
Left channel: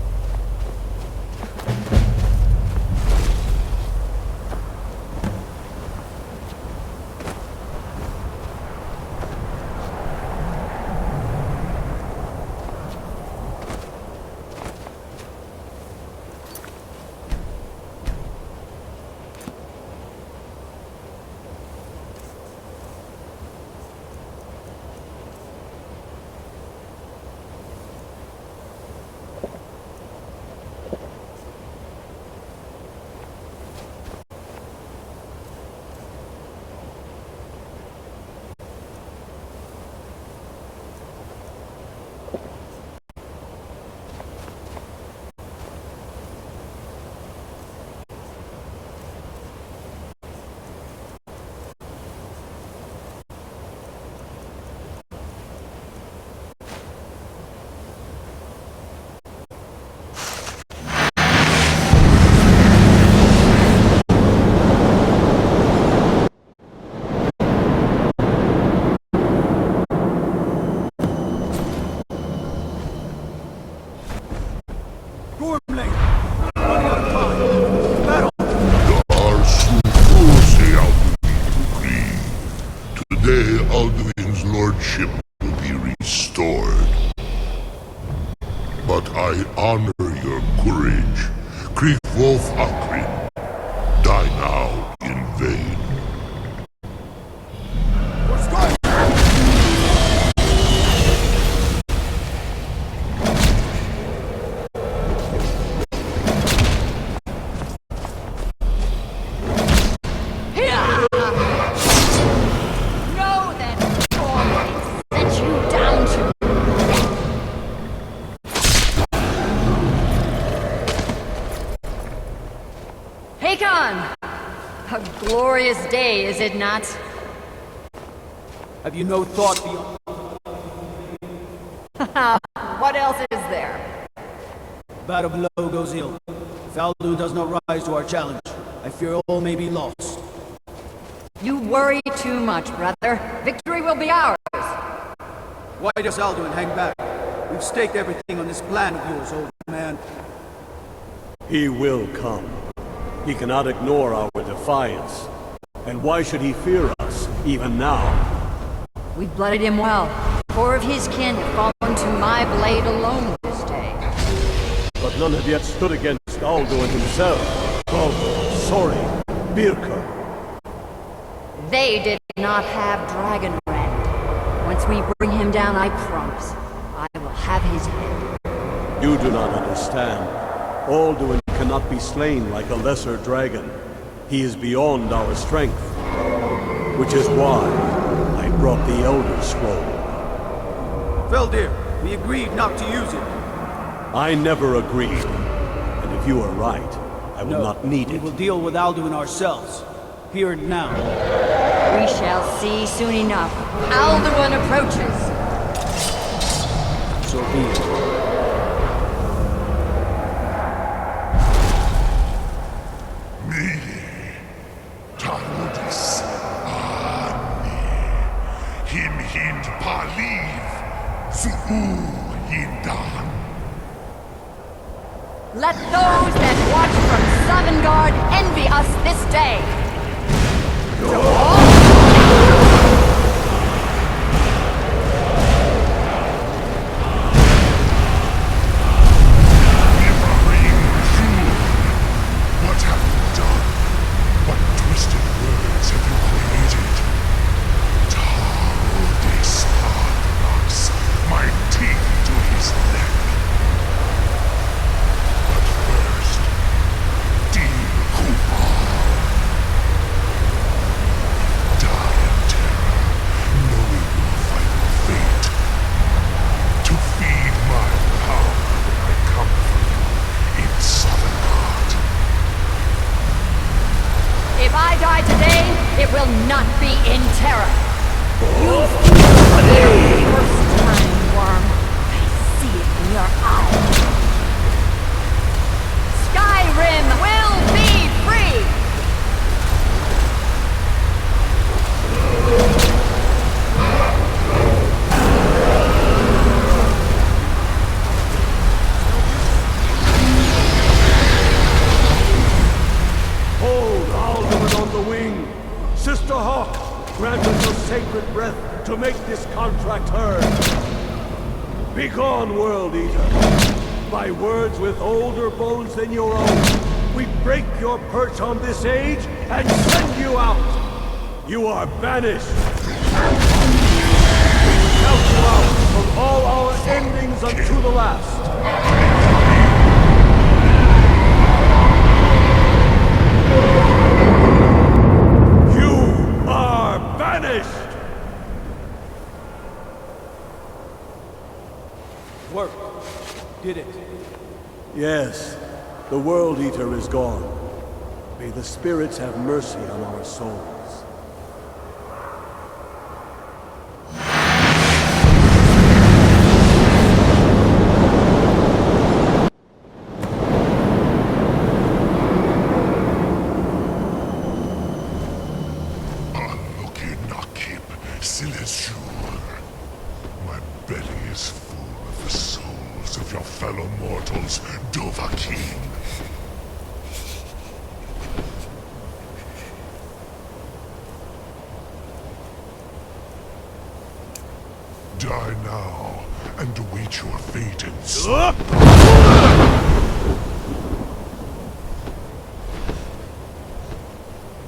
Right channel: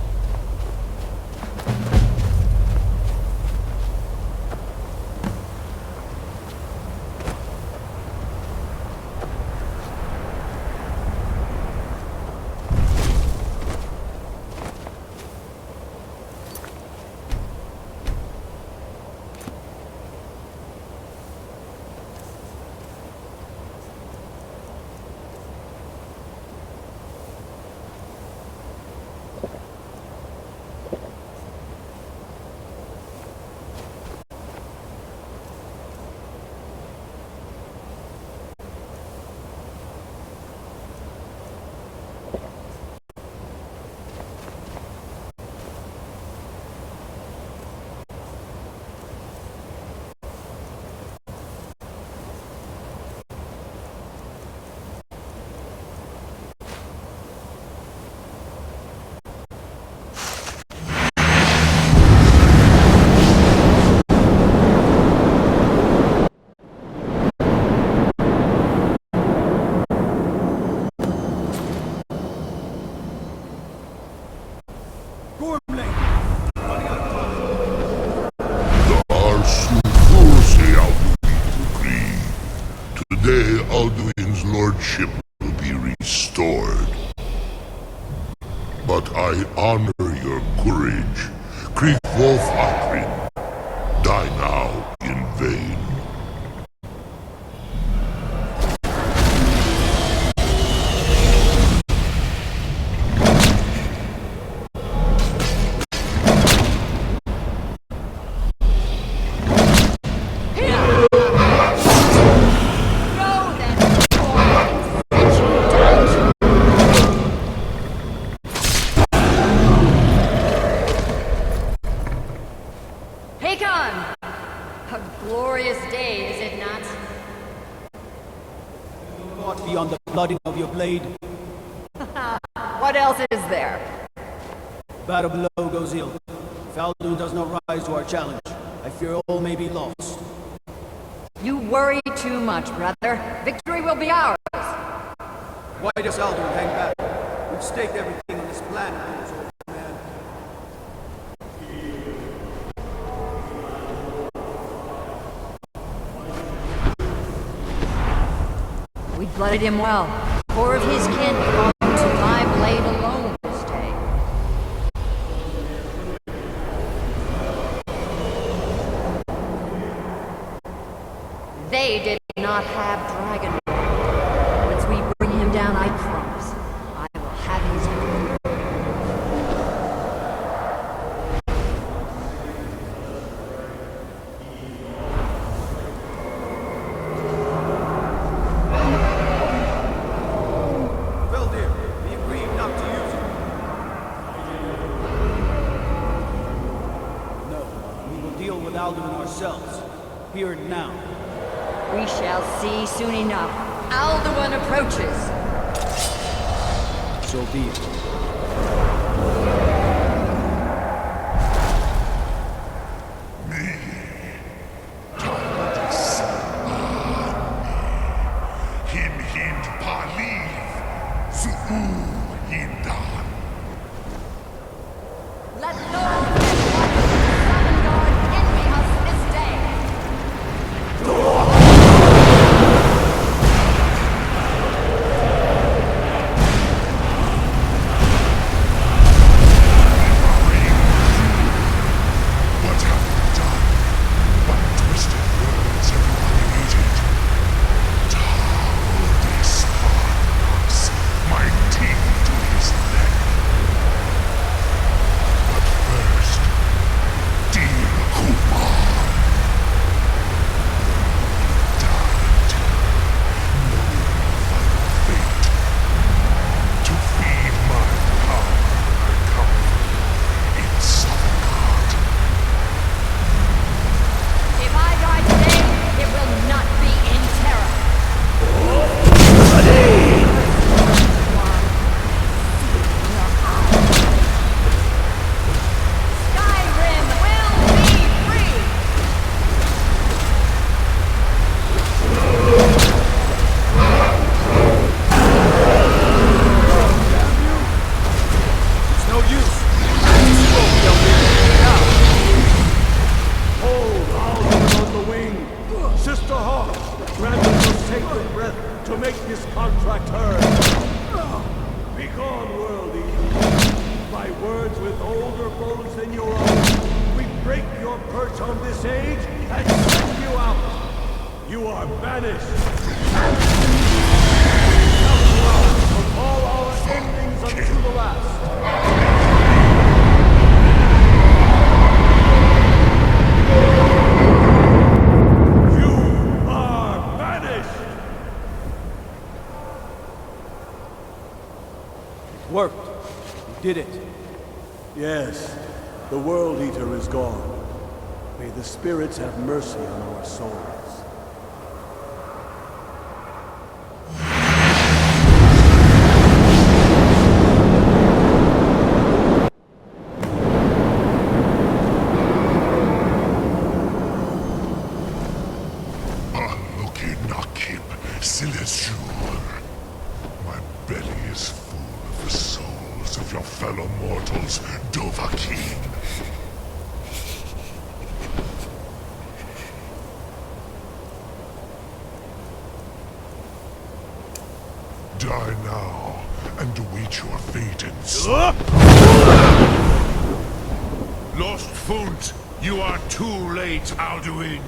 Today, Alduin's lordship will be restored. But I honor your courage. Krieg Wolf Akrin. Die now in vain. Know then, Glorious day, is it not? Have you no thought beyond the blooding of your blade? What else is there? Battle below goes ill. If Alduin does not rise to our challenge, I fear all may be lost. You worry too much, brother. Victory will be ours. Why does Alduin hang back? We've staked everything on this plan of yours, old man. He will come. He cannot ignore our defiance. And why should he fear us, even now? We blooded him well. 4 of his kin have fallen to my blade alone this day. But none have yet stood against Alduin himself. Oh, sorry, Birka. They did not have Dragon Red. Once we bring him down, I promise, I will have his head. You do not understand. Alduin cannot be slain like a lesser dragon. He is beyond our strength. Which is why I brought the Elder Scroll. Veldir, we agreed not to use it. I never agreed. And if you are right, I will not need We it. will deal with Alduin ourselves. Here and now. We shall see soon enough. Alduin approaches. So be it. Me, Talmudis, Him hind paliv, Zuu hindan. Let those that watch from Sovngarde envy us this day. What have you done? What twisted words have you created? Tarudis parthanax, my teeth to his neck. But first, dear Kumar, die in terror, knowing your final fate. To feed my power when I come for you in Sovngarde. If I die today, it will not be in terror. You feel the first time, worm. I see it in your eyes. Skyrim will be free! It's no use. Hold Alduin on the wing! Sister Hawk, grant us your sacred breath to make this contract heard! Begone, World Eater! By words with older bones than your own, we break your perch on this age and send you out! You are banished! We count you out from all our endings unto the last! You are banished! Worked. You did it. Yes, the World Eater is gone. May the spirits have mercy on our souls. Aloki nakib silesur. My belly is full of the souls of your fellow mortals, Dovahkiin. Die now, and await your fate in Lost Foot, you are too late, Alduin.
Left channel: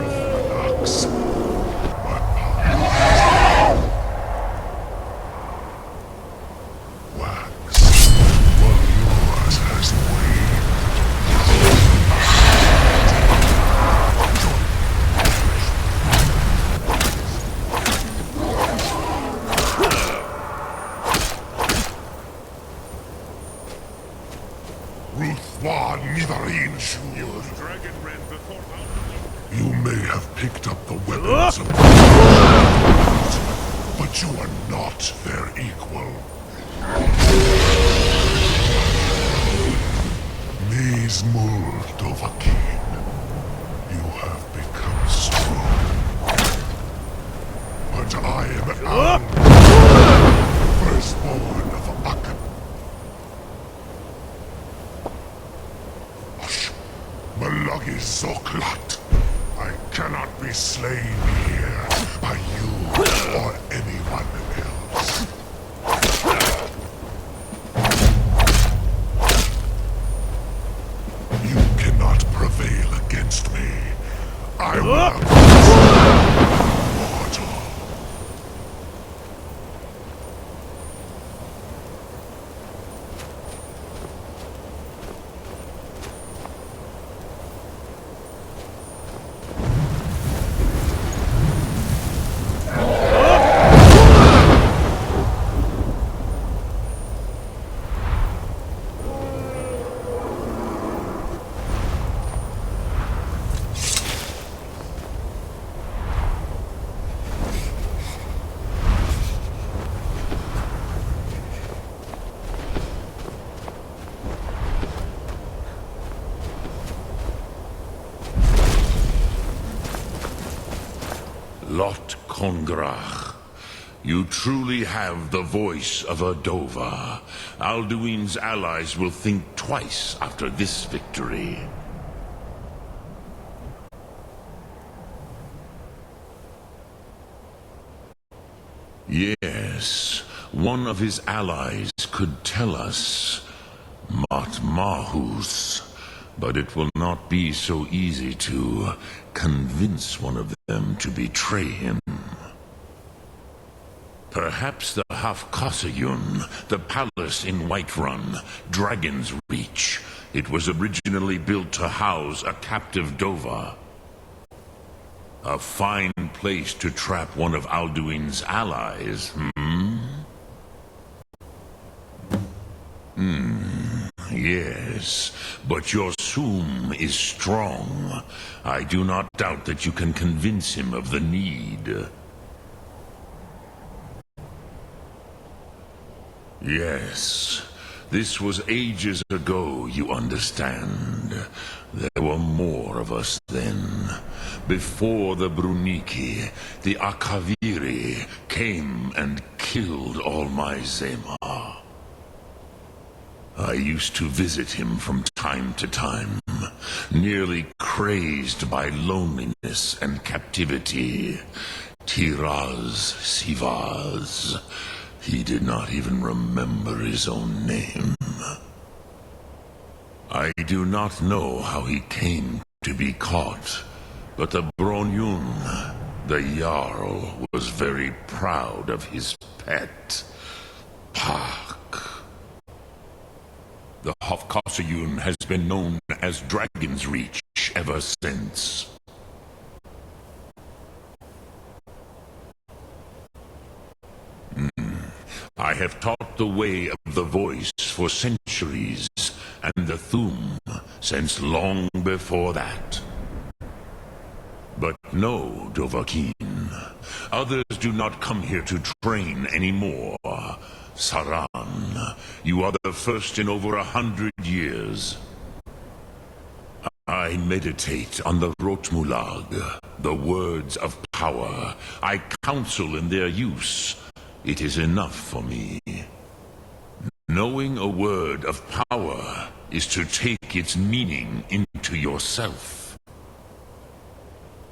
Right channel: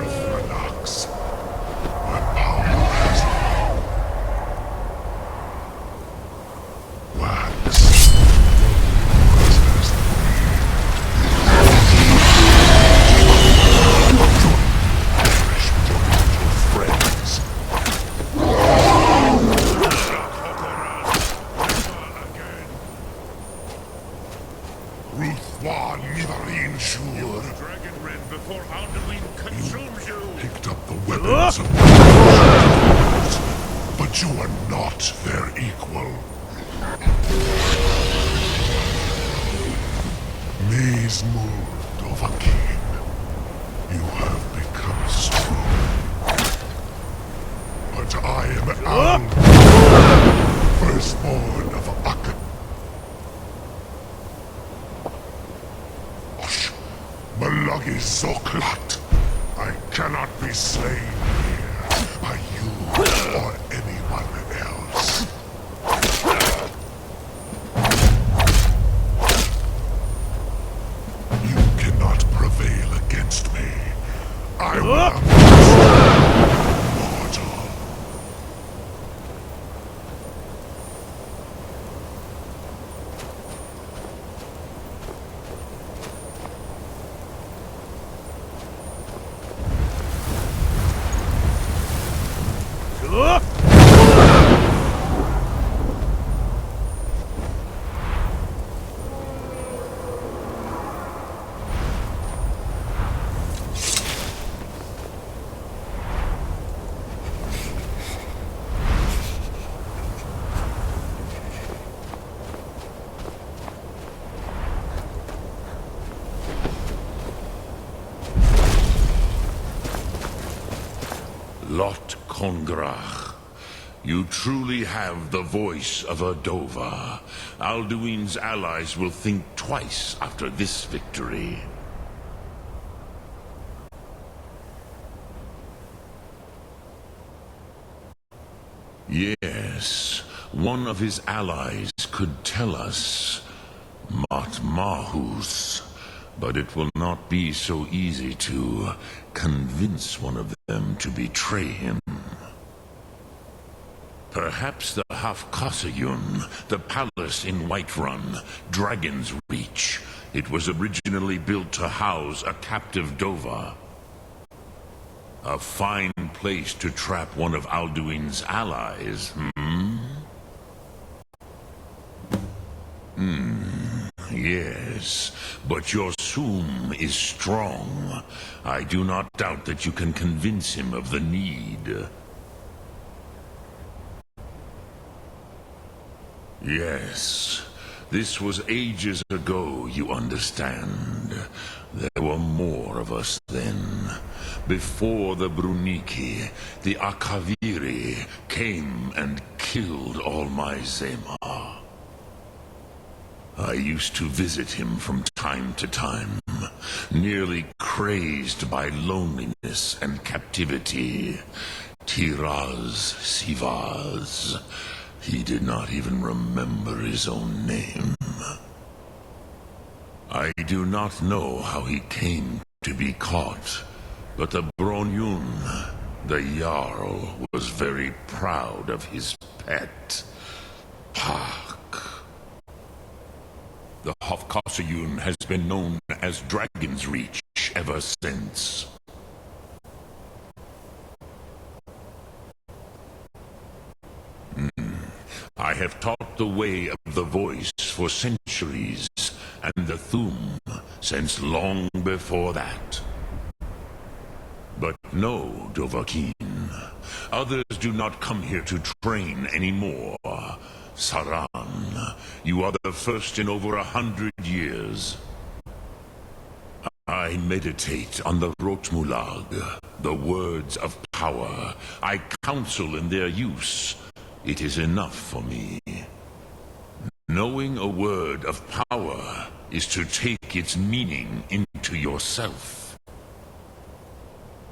Parthanax. My power wax, while yours has waned. Join me, perish with your friends. You may have picked up the weapons of foes, but you are not their equal. Mies Dovahkiin, you have become strong. But I am Alduin, firstborn of Akan. Malagi Zoklat. I cannot be slain here by you or anyone else. You cannot prevail against me. I will mortal. Lot Kongrach. You truly have the voice of a Dova. Alduin's allies will think twice after this victory. Yes, one of his allies could tell us. Mahus. But it will not be so easy to convince one of them to betray him. Perhaps the Hafkasayun, the palace in Whiterun, Dragon's Reach. It was originally built to house a captive Dova. A fine place to trap one of Alduin's allies, Yes, but your Soom is strong. I do not doubt that you can convince him of the need. Yes, this was ages ago, you understand. There were more of us then. Before the Bruniki, the Akaviri came and killed all my Zema. I used to visit him from time to time, nearly crazed by loneliness and captivity. Tiraz Sivaz. He did not even remember his own name. I do not know how he came to be caught, but the Bronyun, the Jarl, was very proud of his pet, Pak. The Hafkasayun has been known as Dragon's Reach ever since. I have taught the way of the voice for centuries, and the Thum since long before that. But no, Dovahkiin. Others do not come here to train anymore. Saran, you are the first in over 100 years. I meditate on the Rotmulag, the words of power. I counsel in their use. It is enough for me. Knowing a word of power is to take its meaning into yourself.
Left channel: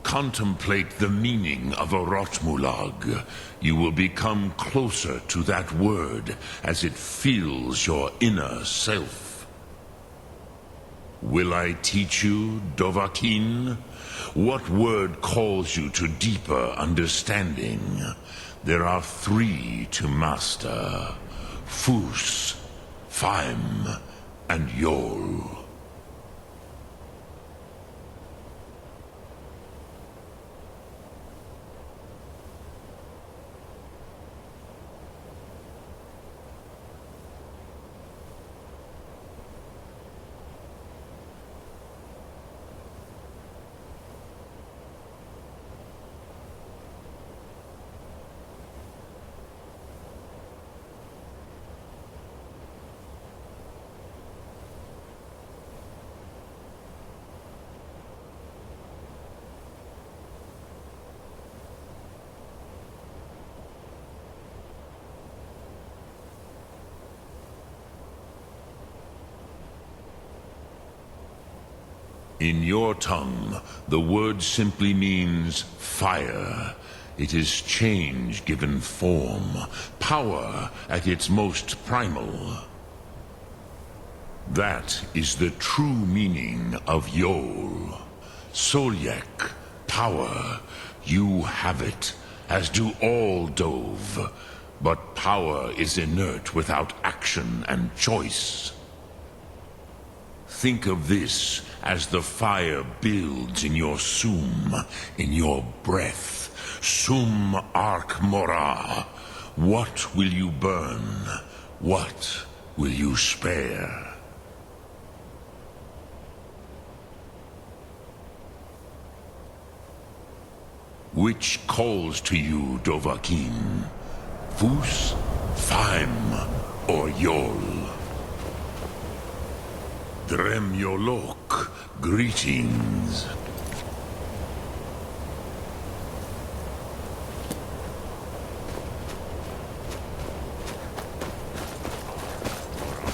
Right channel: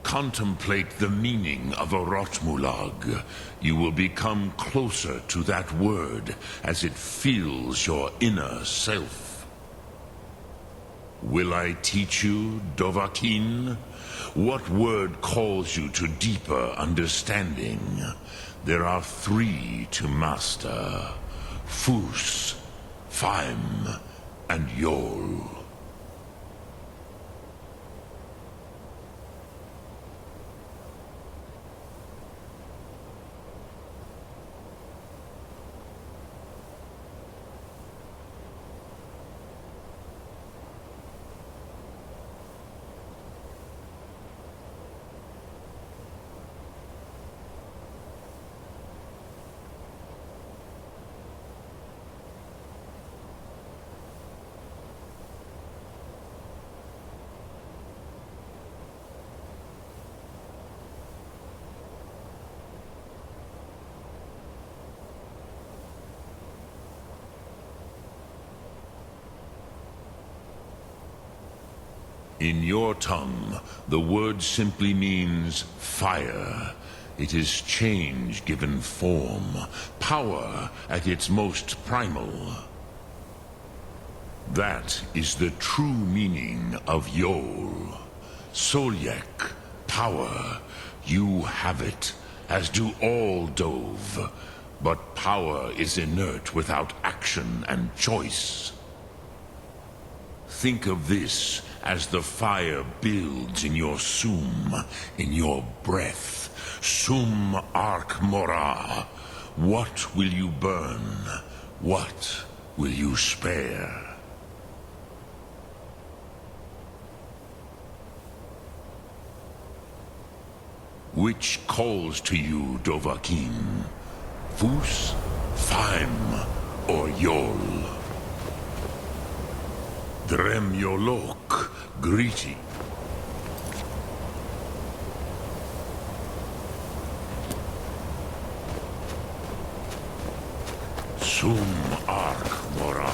Contemplate the meaning of a Rotmulag. You will become closer to that word as it fills your inner self. Will I teach you, Dovahkiin? What word calls you to deeper understanding? There are 3 to master: Fus, Faim, and Yol. In your tongue, the word simply means fire. It is change given form, power at its most primal. That is the true meaning of Yol. Solyek, power. You have it, as do all Dove. But power is inert without action and choice. Think of this as the fire builds in your sum, in your breath. Sum arc mora. What will you burn? What will you spare? Which calls to you, Dovahkiin? Fus, Faim, or Yol? Drem Yolok, greetings. Sum arc mora.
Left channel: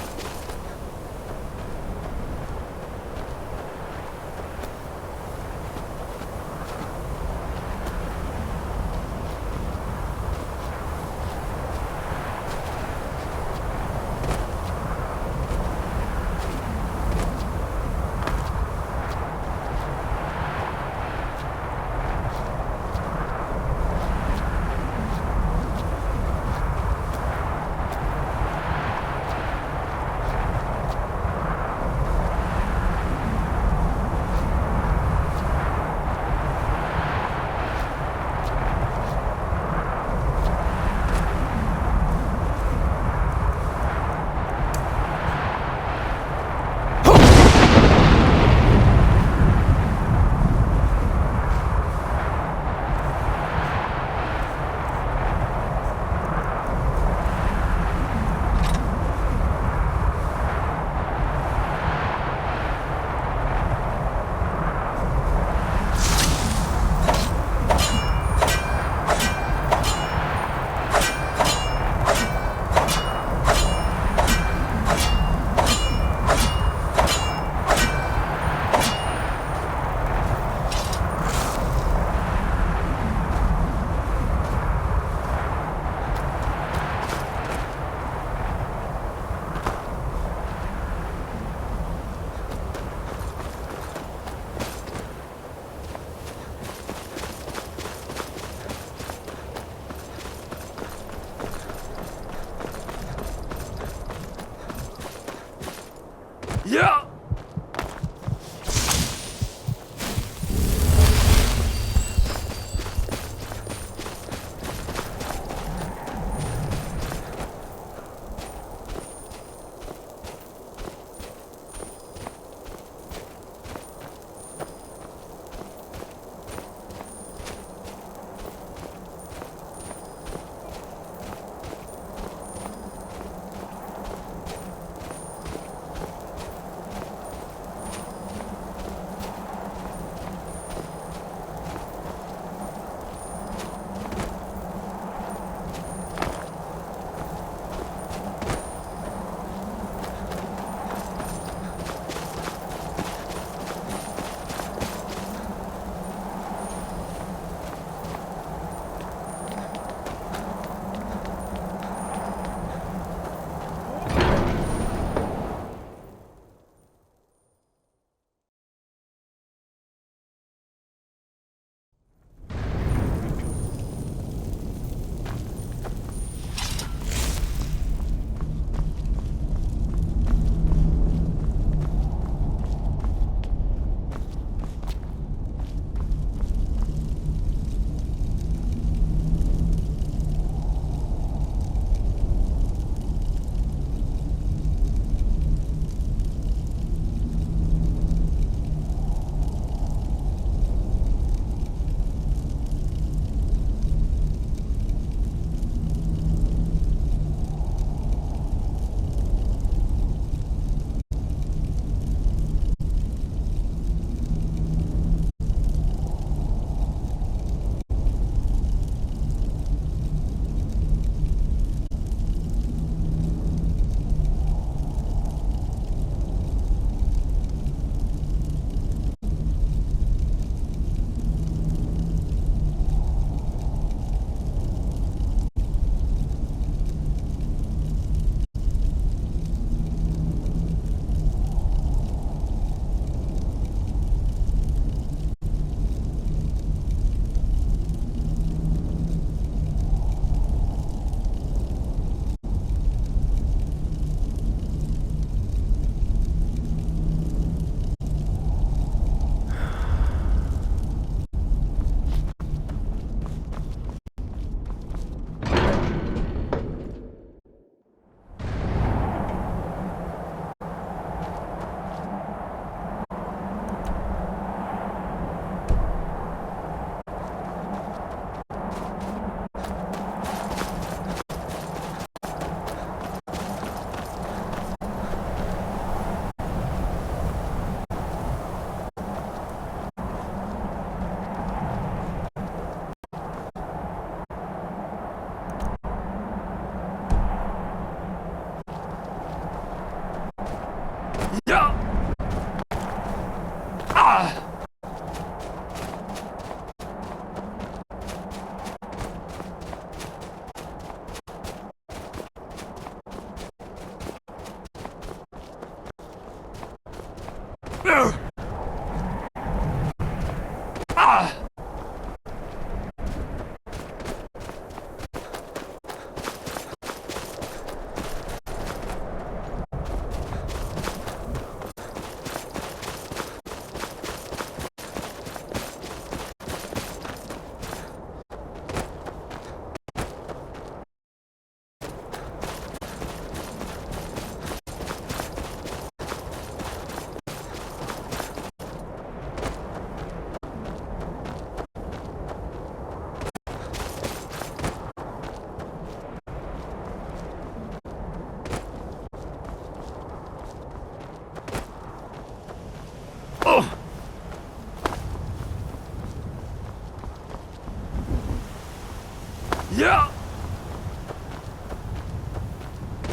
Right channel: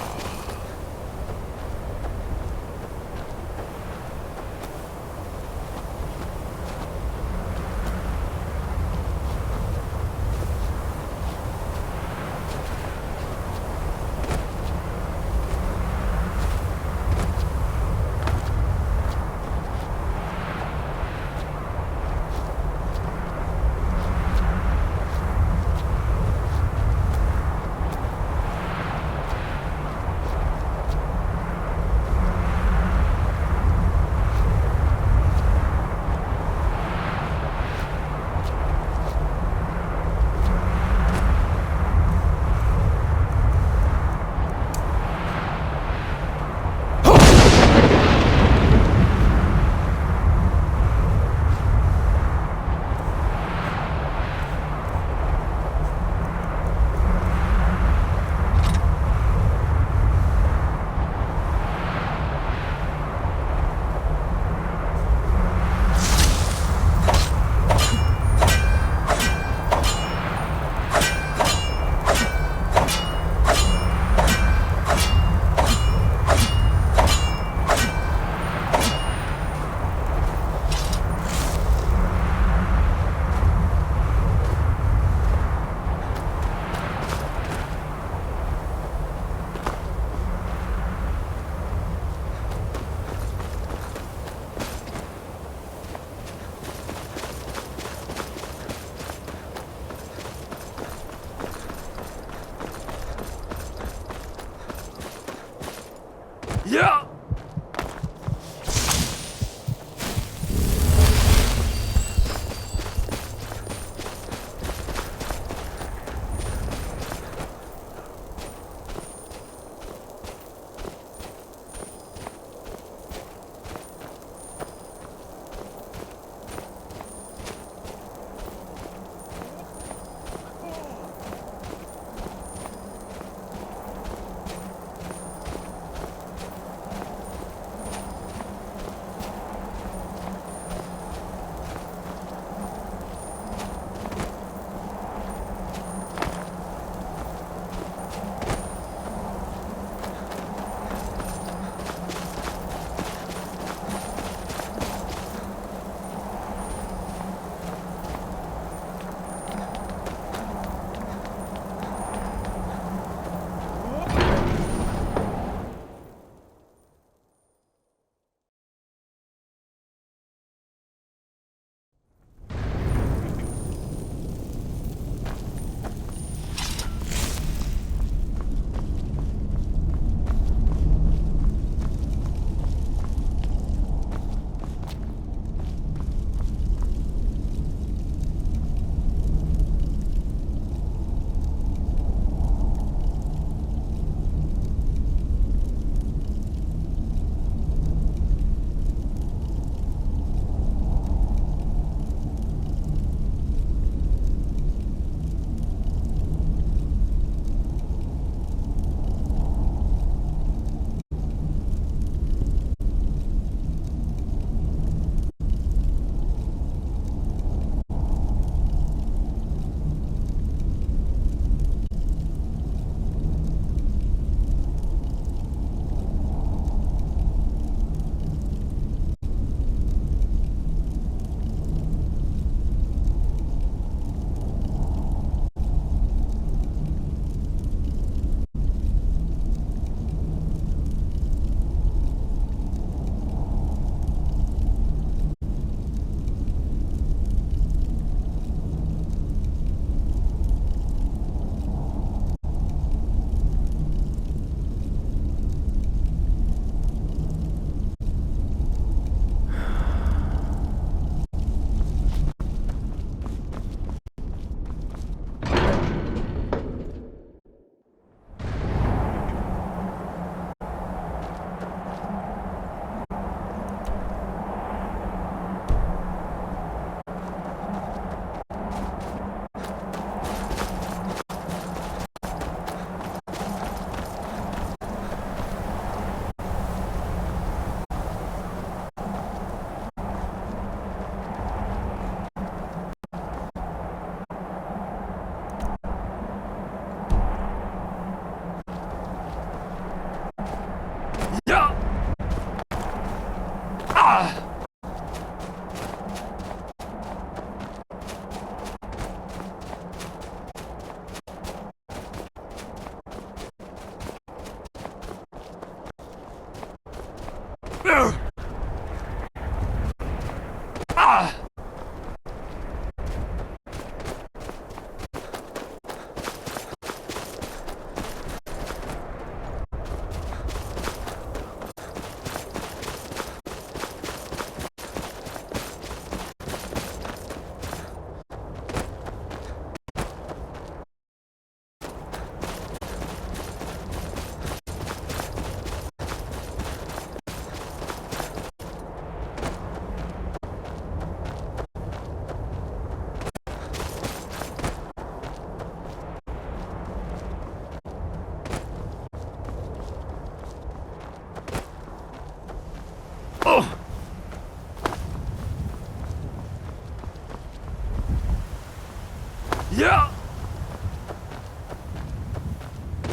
Yeah!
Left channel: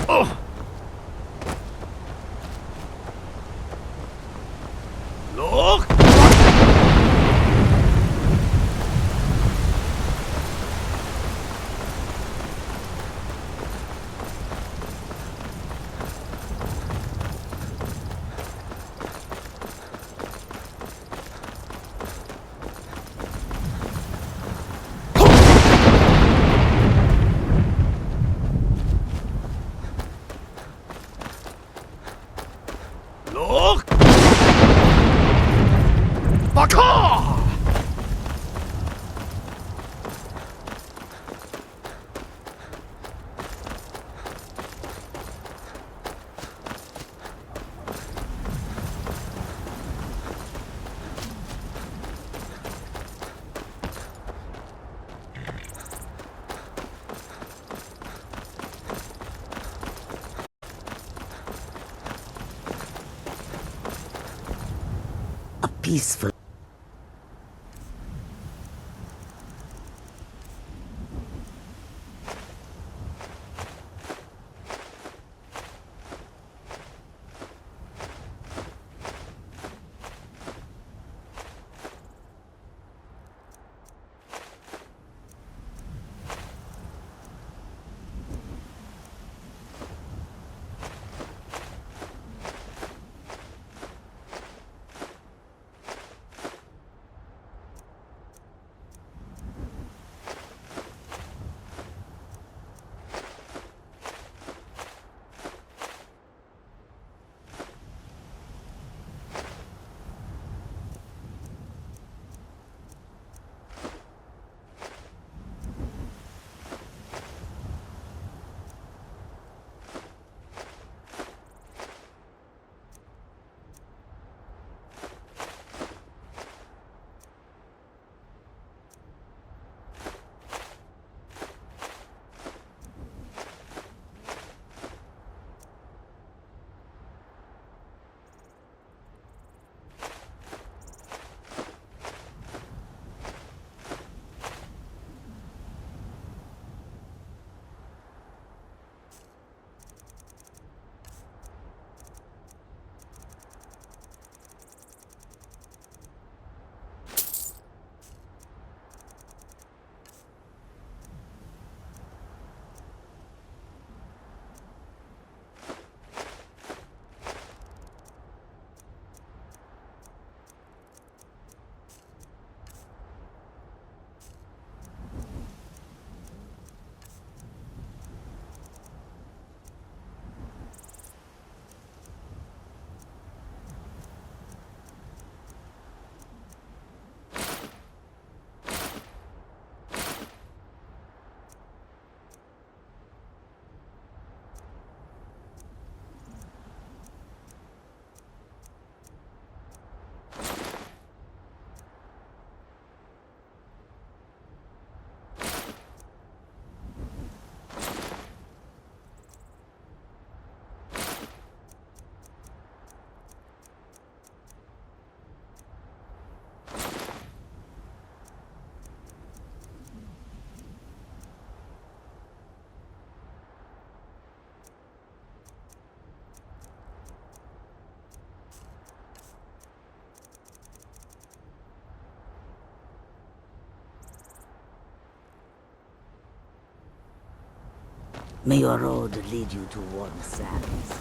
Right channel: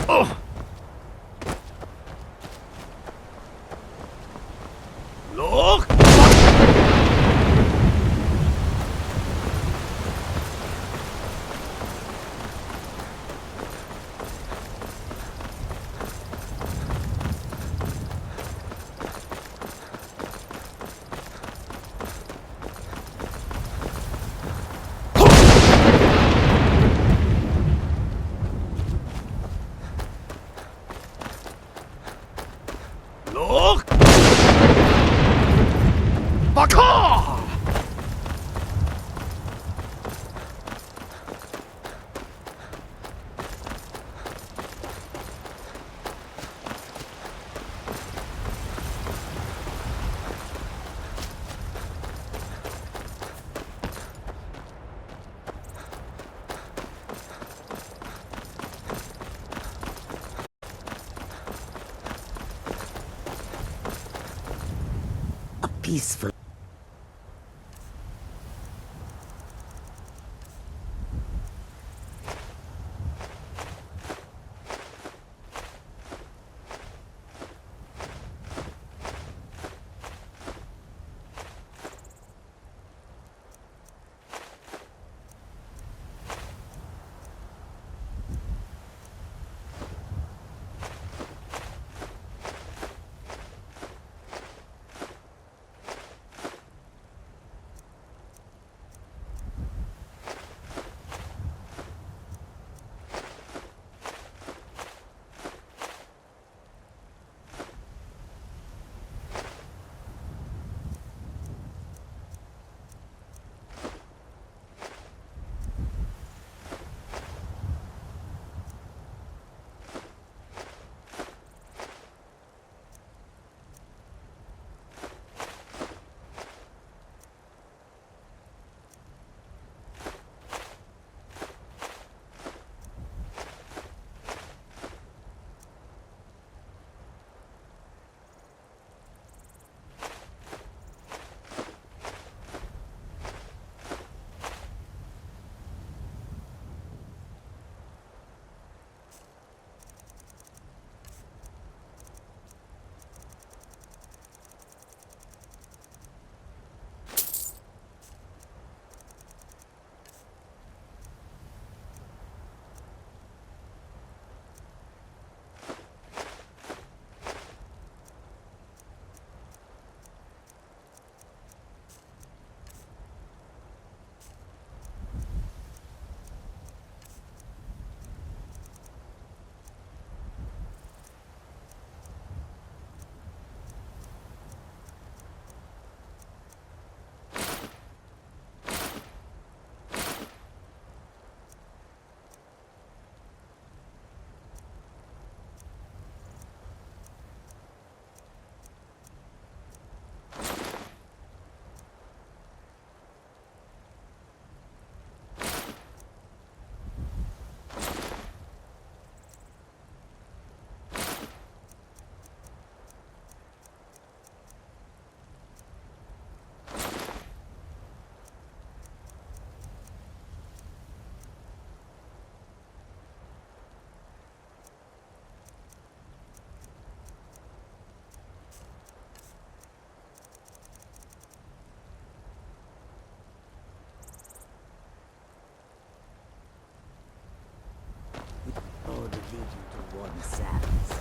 Oh! Look! Look! Baka! Peaceful. May your road lead you to warm sands.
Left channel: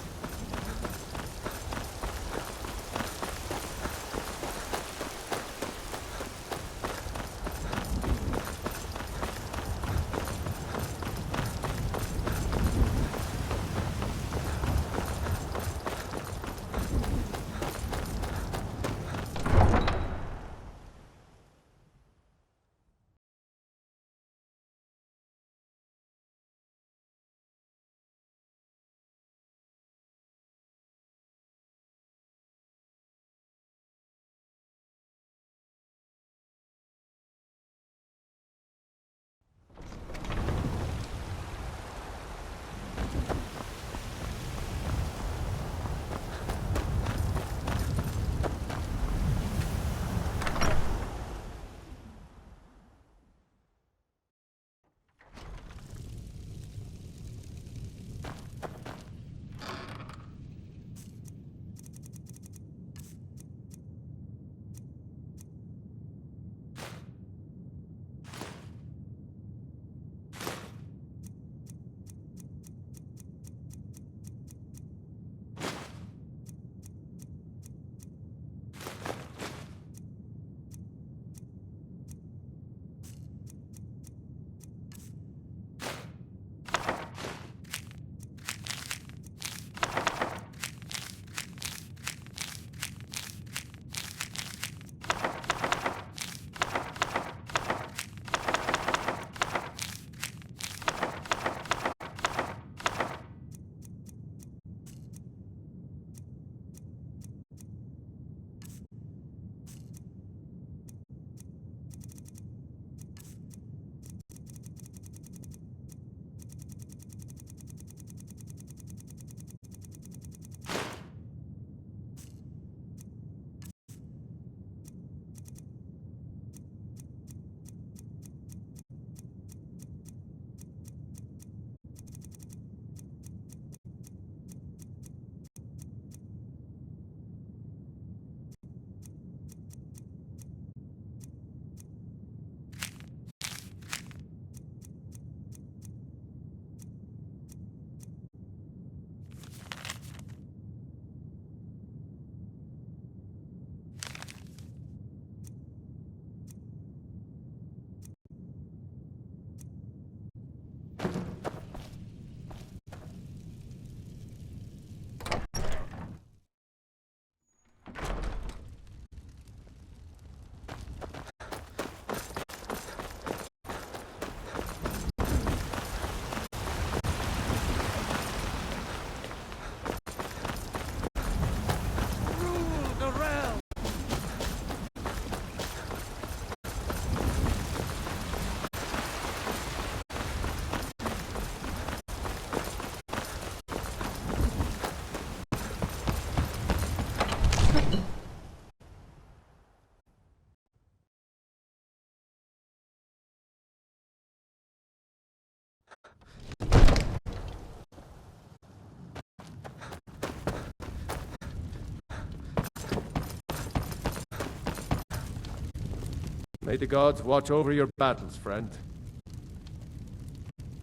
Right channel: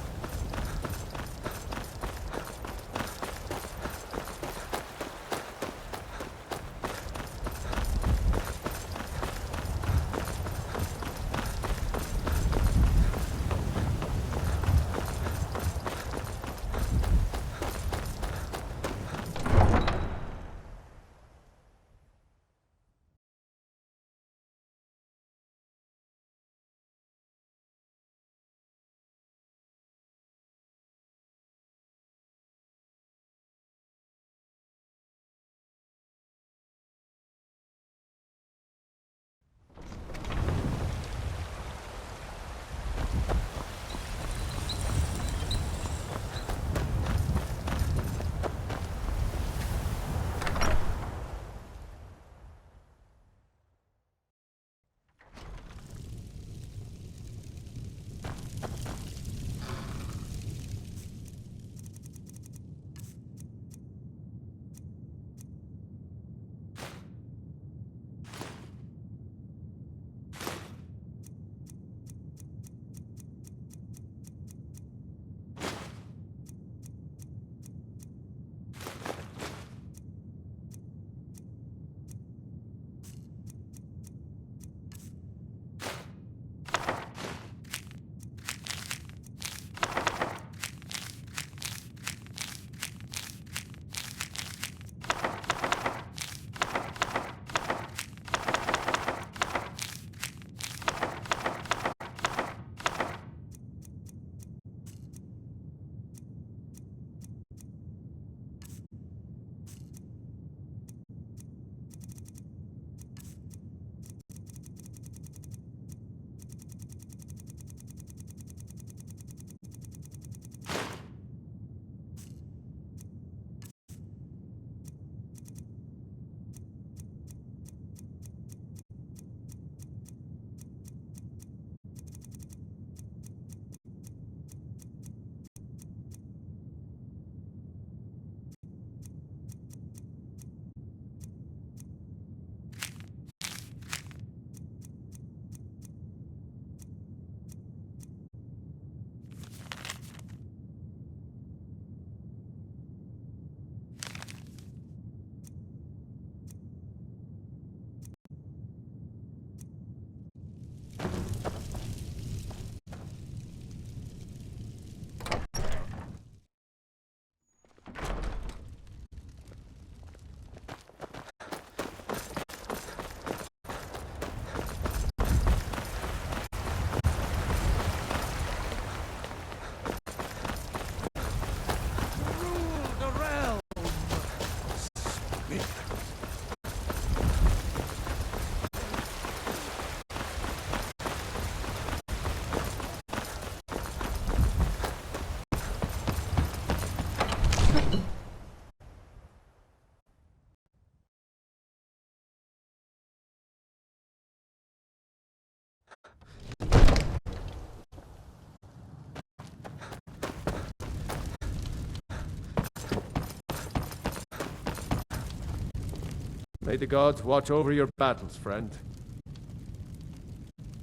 May the gods watch over your battles, friend.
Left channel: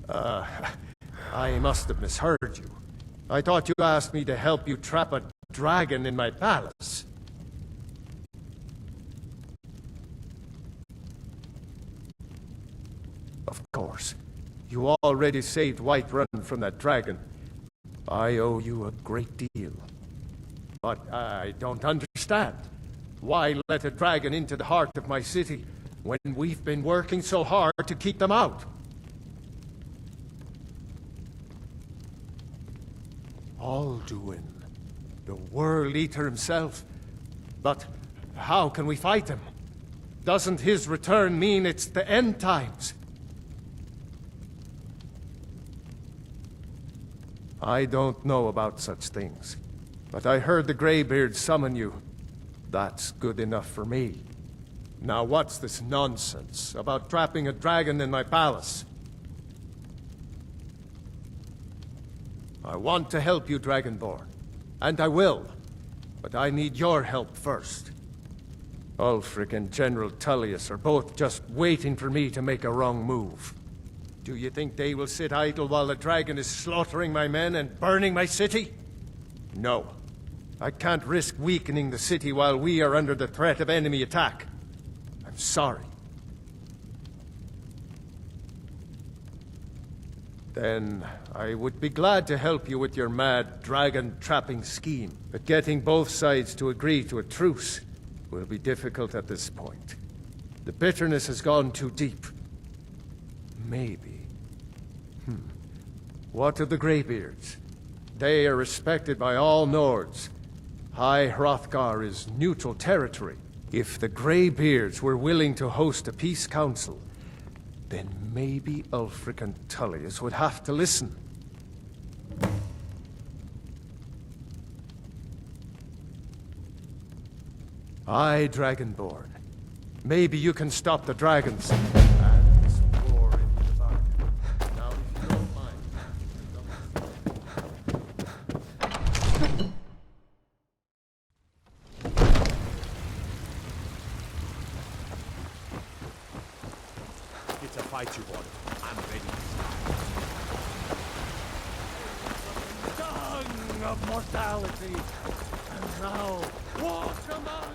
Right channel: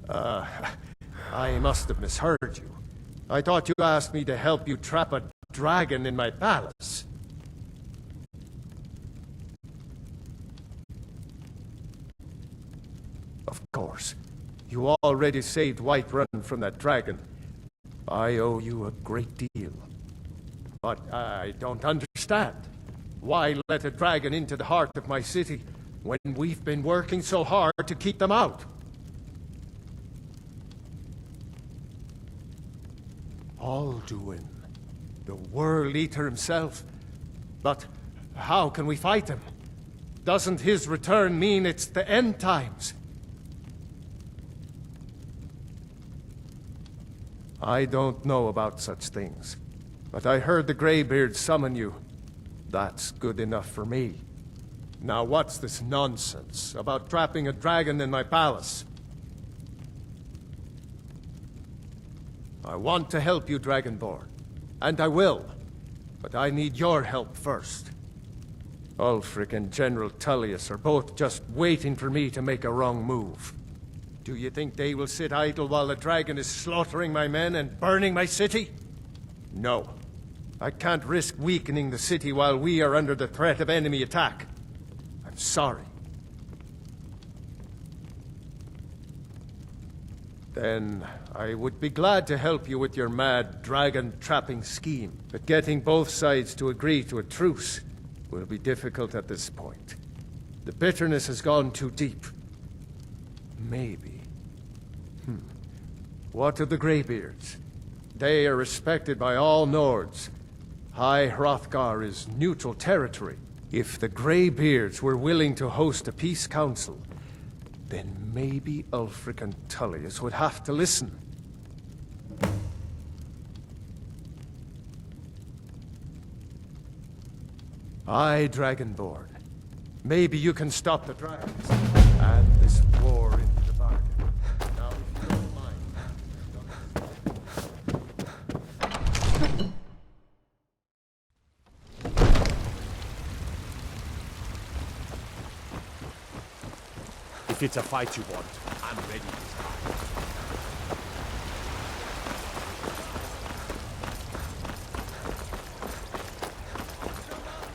I must have misheard you. I thought you asked me to help you trap a dragon in my palace. Of course. You already saved Whiterun from that dragon. I owe you a great deal. But I don't understand. Why let a dragon into the heart of my city when we've been working so hard to keep them out? Alduin, the World Eater himself. But how can we fight him? Doesn't his return mean it's the end times? I don't know about such things, but I heard the Greybeard summon you. That's good enough for me. Now what's this nonsense about trapping a dragon in my palace? I want to help you, Dragonborn, and I will, but I need your help first. Ulfric and General Tullius are both just waiting for me to make a wrong move. Do you think they will sit idle while the dragon is slaughtering my men and burning my city? No. I can't risk weakening the city while we are under the threat of enemy attack. I'm sorry. Then I would be glad to help you with your mad dragon-trapping scheme, but getting both sides to agree to a truce will be difficult at this point. The bitterness has gone too deep. Maybe. What of the Greybeards? They are respected by all Nords. High Hrothgar is neutral territory. If the Greybeards were willing to host a peace council, then maybe Ulfric and Tullius would have to listen. Aye, Dragonborn. Maybe you can stop the dragons and this war into the bargain. Now, if you don't mind, If it's a fight you want, I'm ready this time. Tongue of mortality. And now, walk among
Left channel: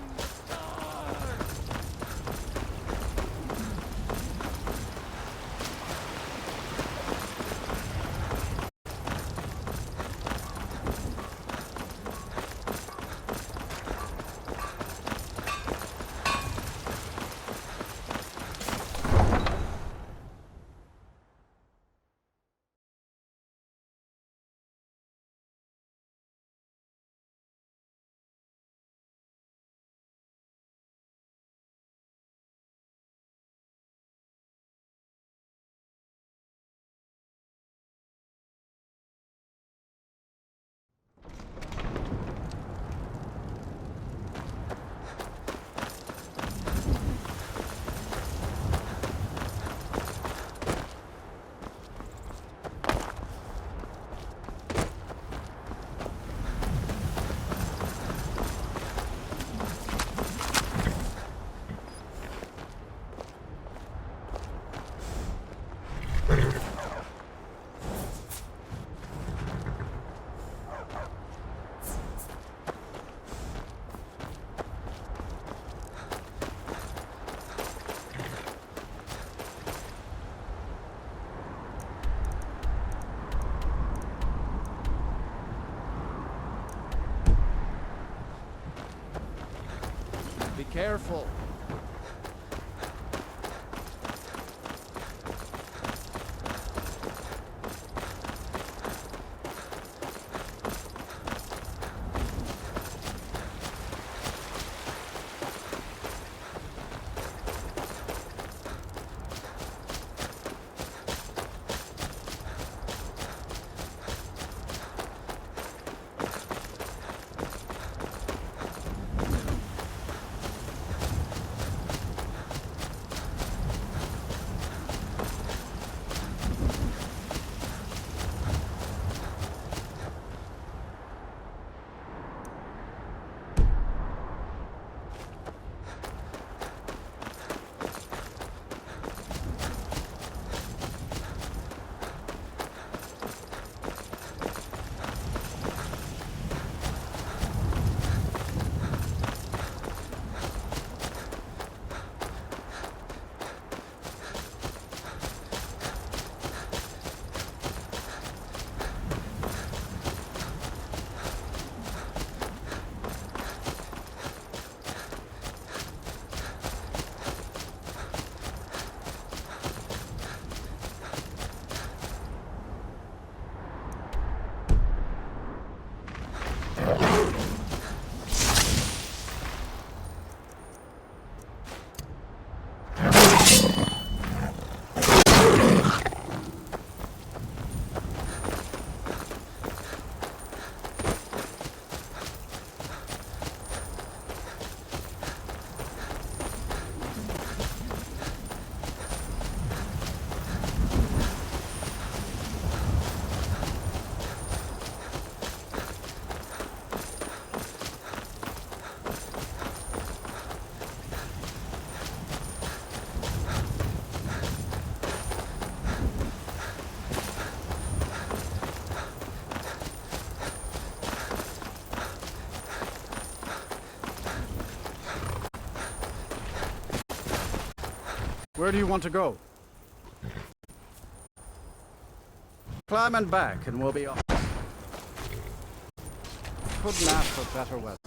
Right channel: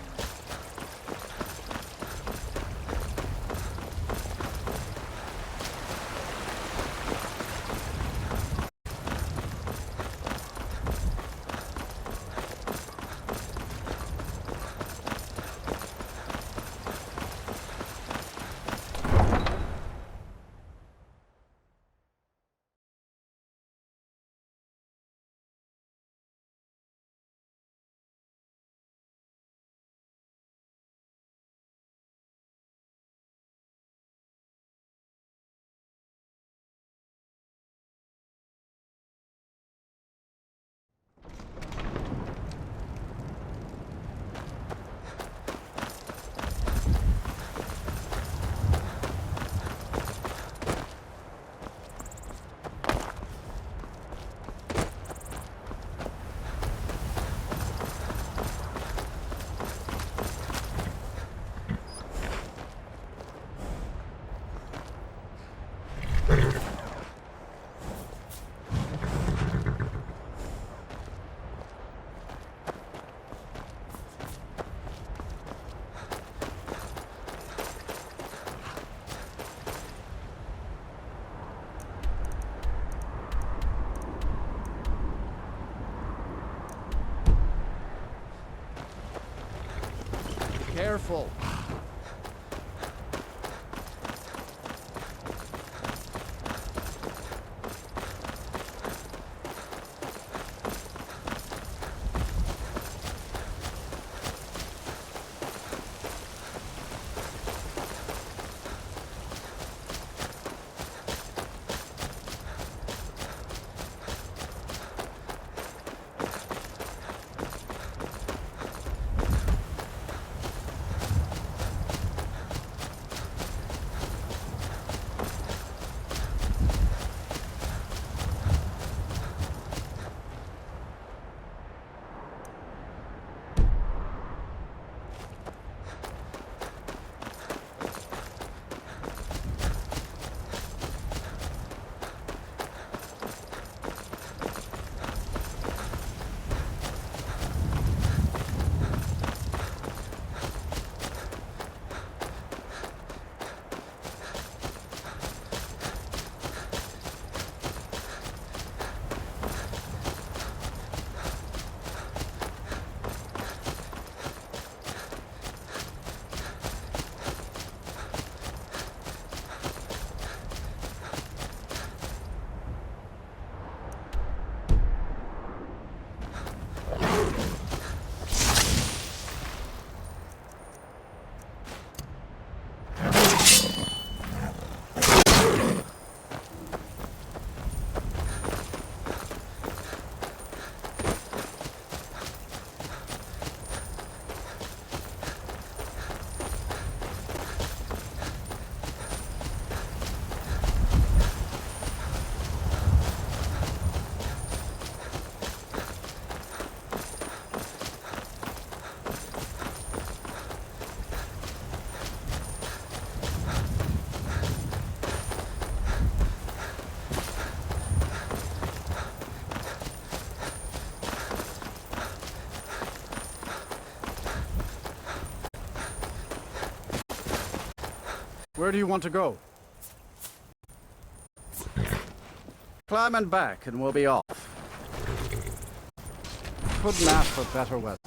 careful. Where do you want to go? Climb and back, and we'll be off. Couldn't ask for better weather.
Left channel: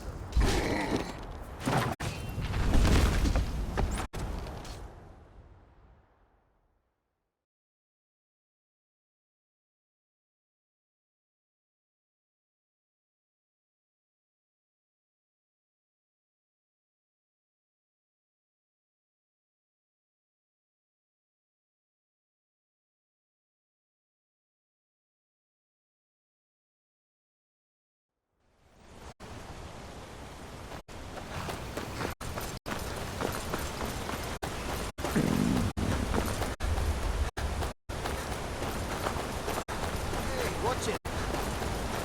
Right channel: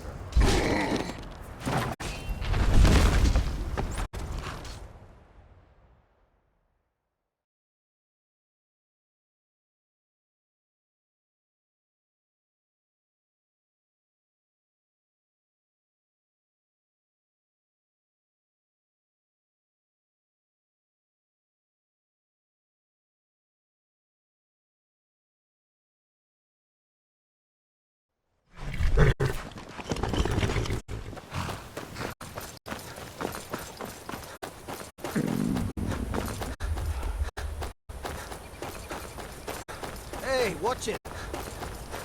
Hey, watch it!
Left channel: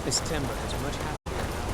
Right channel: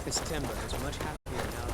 This timber is much happier now.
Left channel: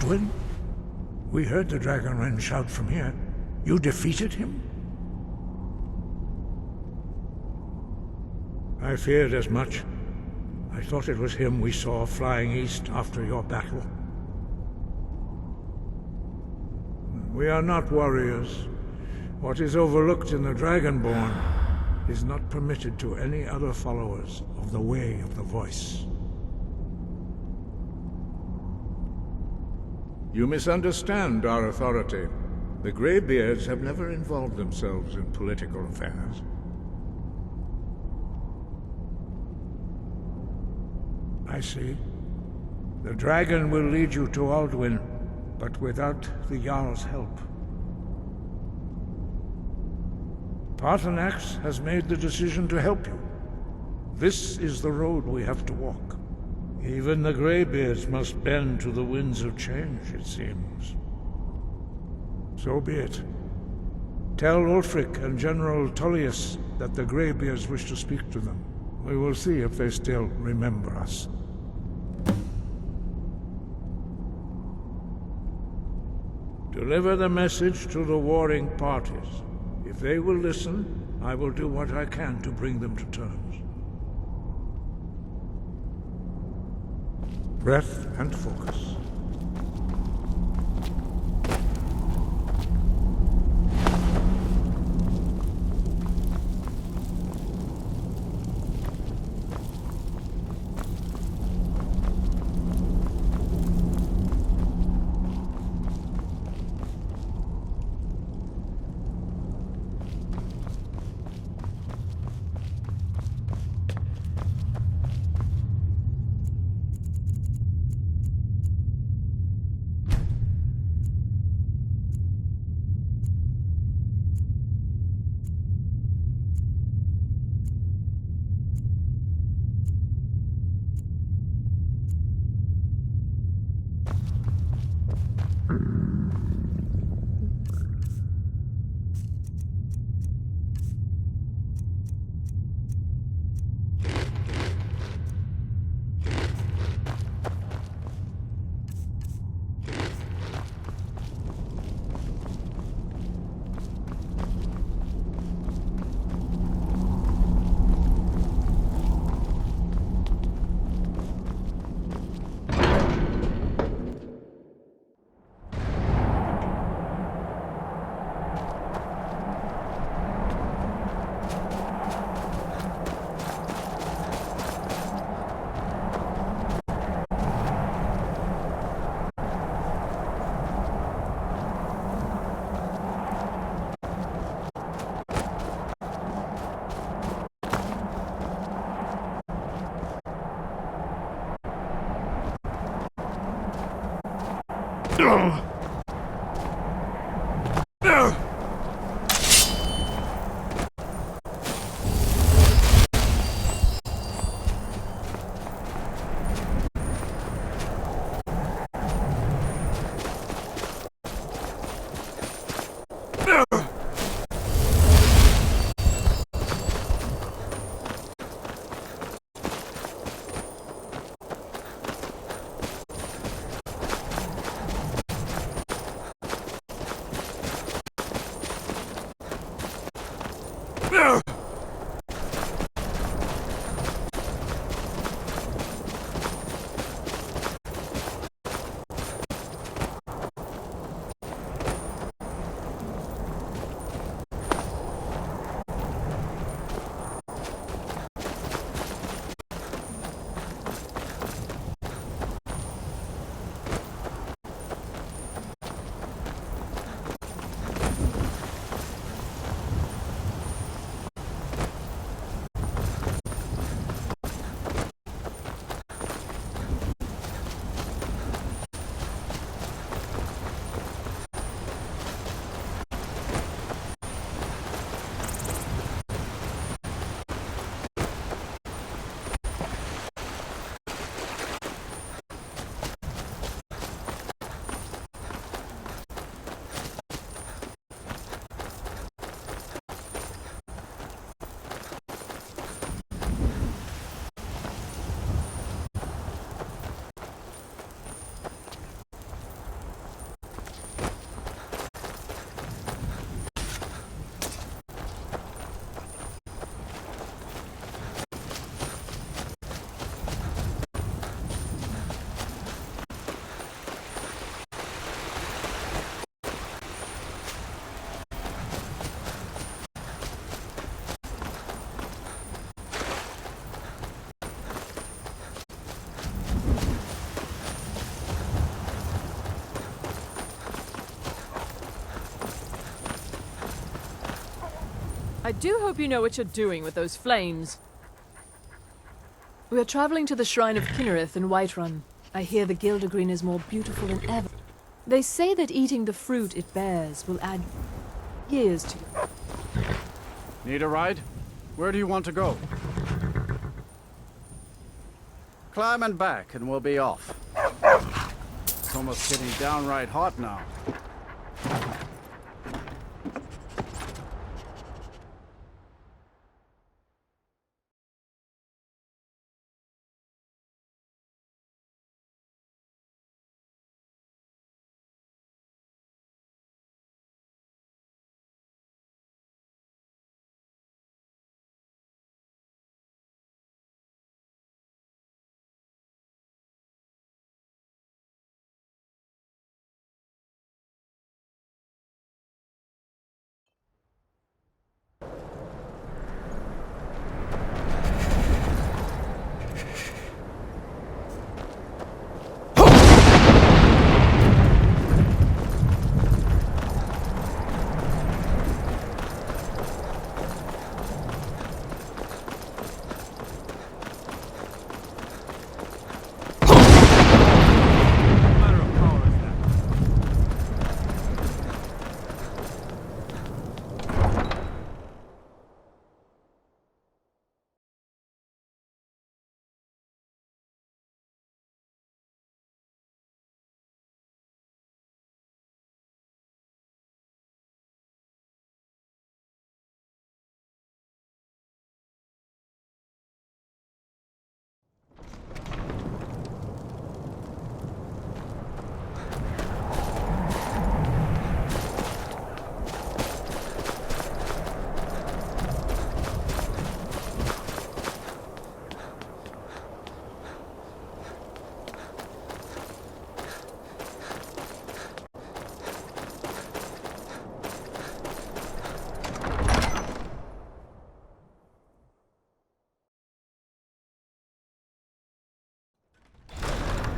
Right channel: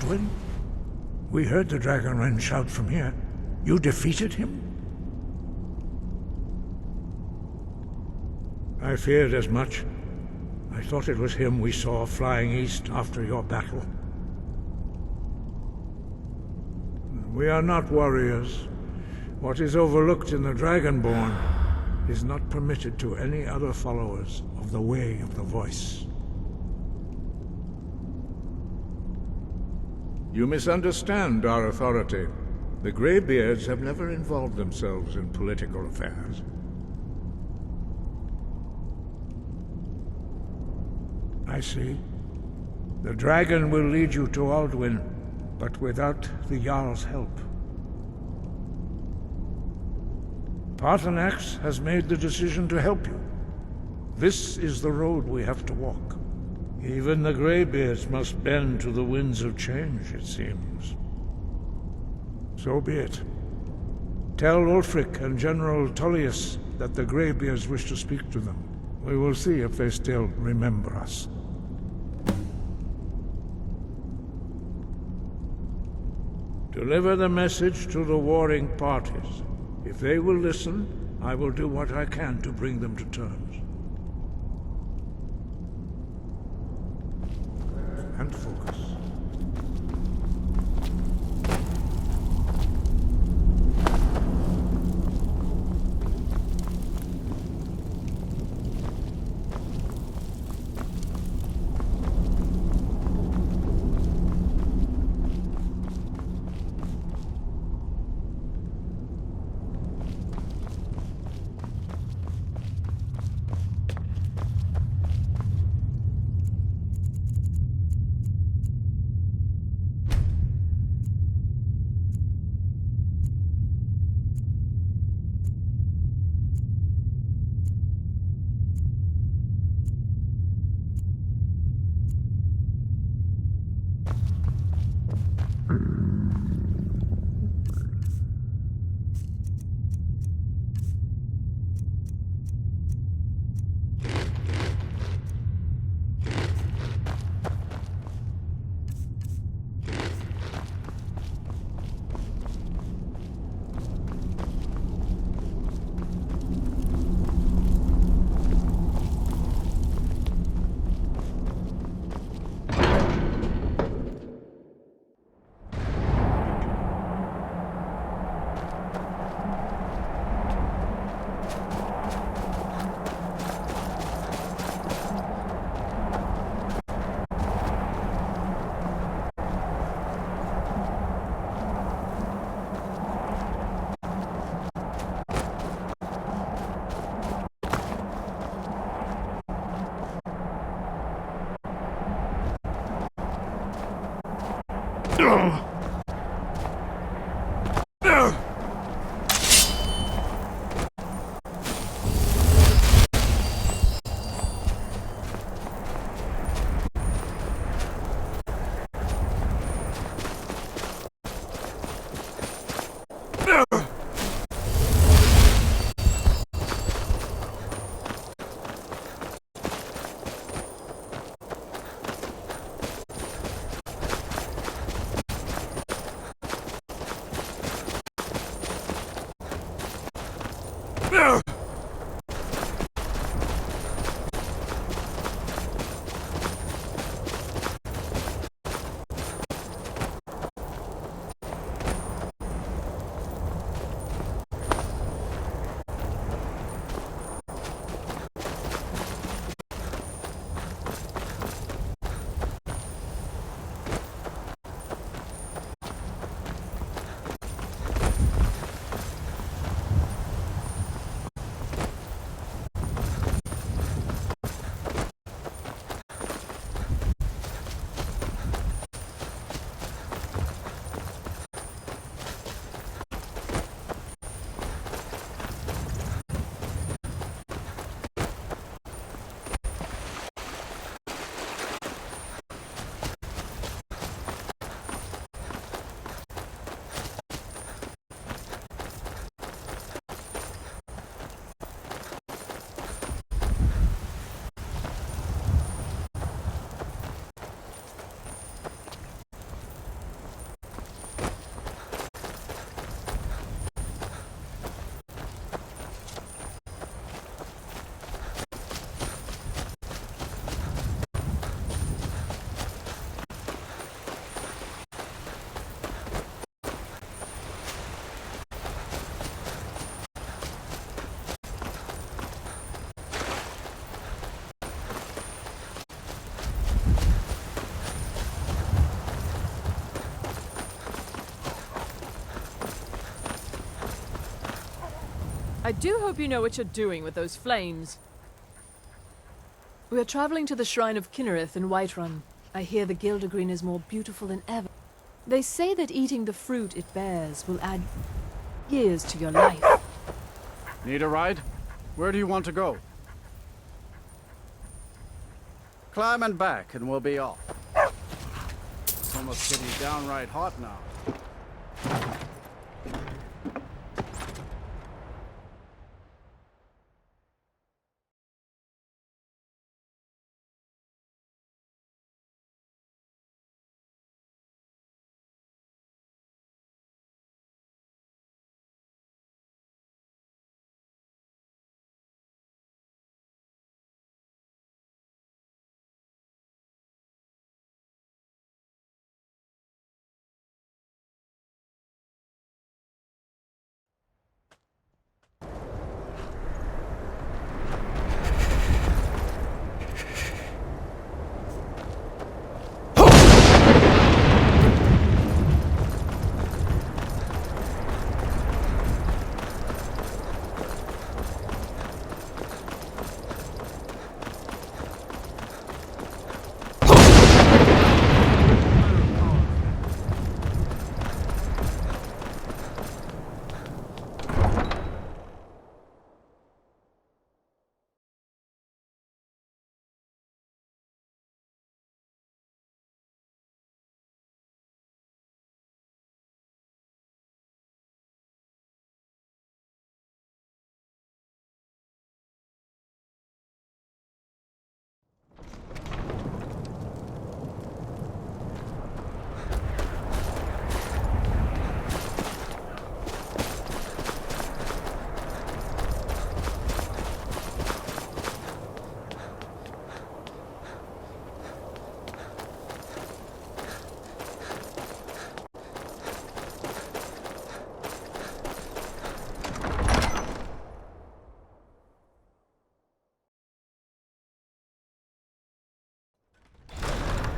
Alduin? We heard the Dragonren shout from here. You defeated him? I feared as much. I thought it was him we saw flying east after your battle. We are not warriors. What is overlooked in the Dragonborn is not permitted to any other followers of the Way of the Voice. You misunderstand our authority. The Greybeards have never involved themselves in political affairs. I see. The dragon will lead you to Alduin, but without the Jarl's help. Parthanax has made the decision to help you. This is the road we have to walk. Even the Greybeards must bend to the winds of change, it seems. So be it. Tell Ulfric and General Tullius that the Greybeards wish to speak to them. We will see if they still remember us. Deliver the message to the warring parties. If they will listen, I will do what I can to bring them to terms. Breath and focus. I do hope you know what you're doing with those flames. We are traveling to the Shrine of Kinnereth in Whiterun. I hear the Gildergreen is more beautiful than ever. They say that eating the fruit it bears will add years to your life. Need a ride? Where do you want to go? Climb and back and we'll be off. It's almost getting downright hot now.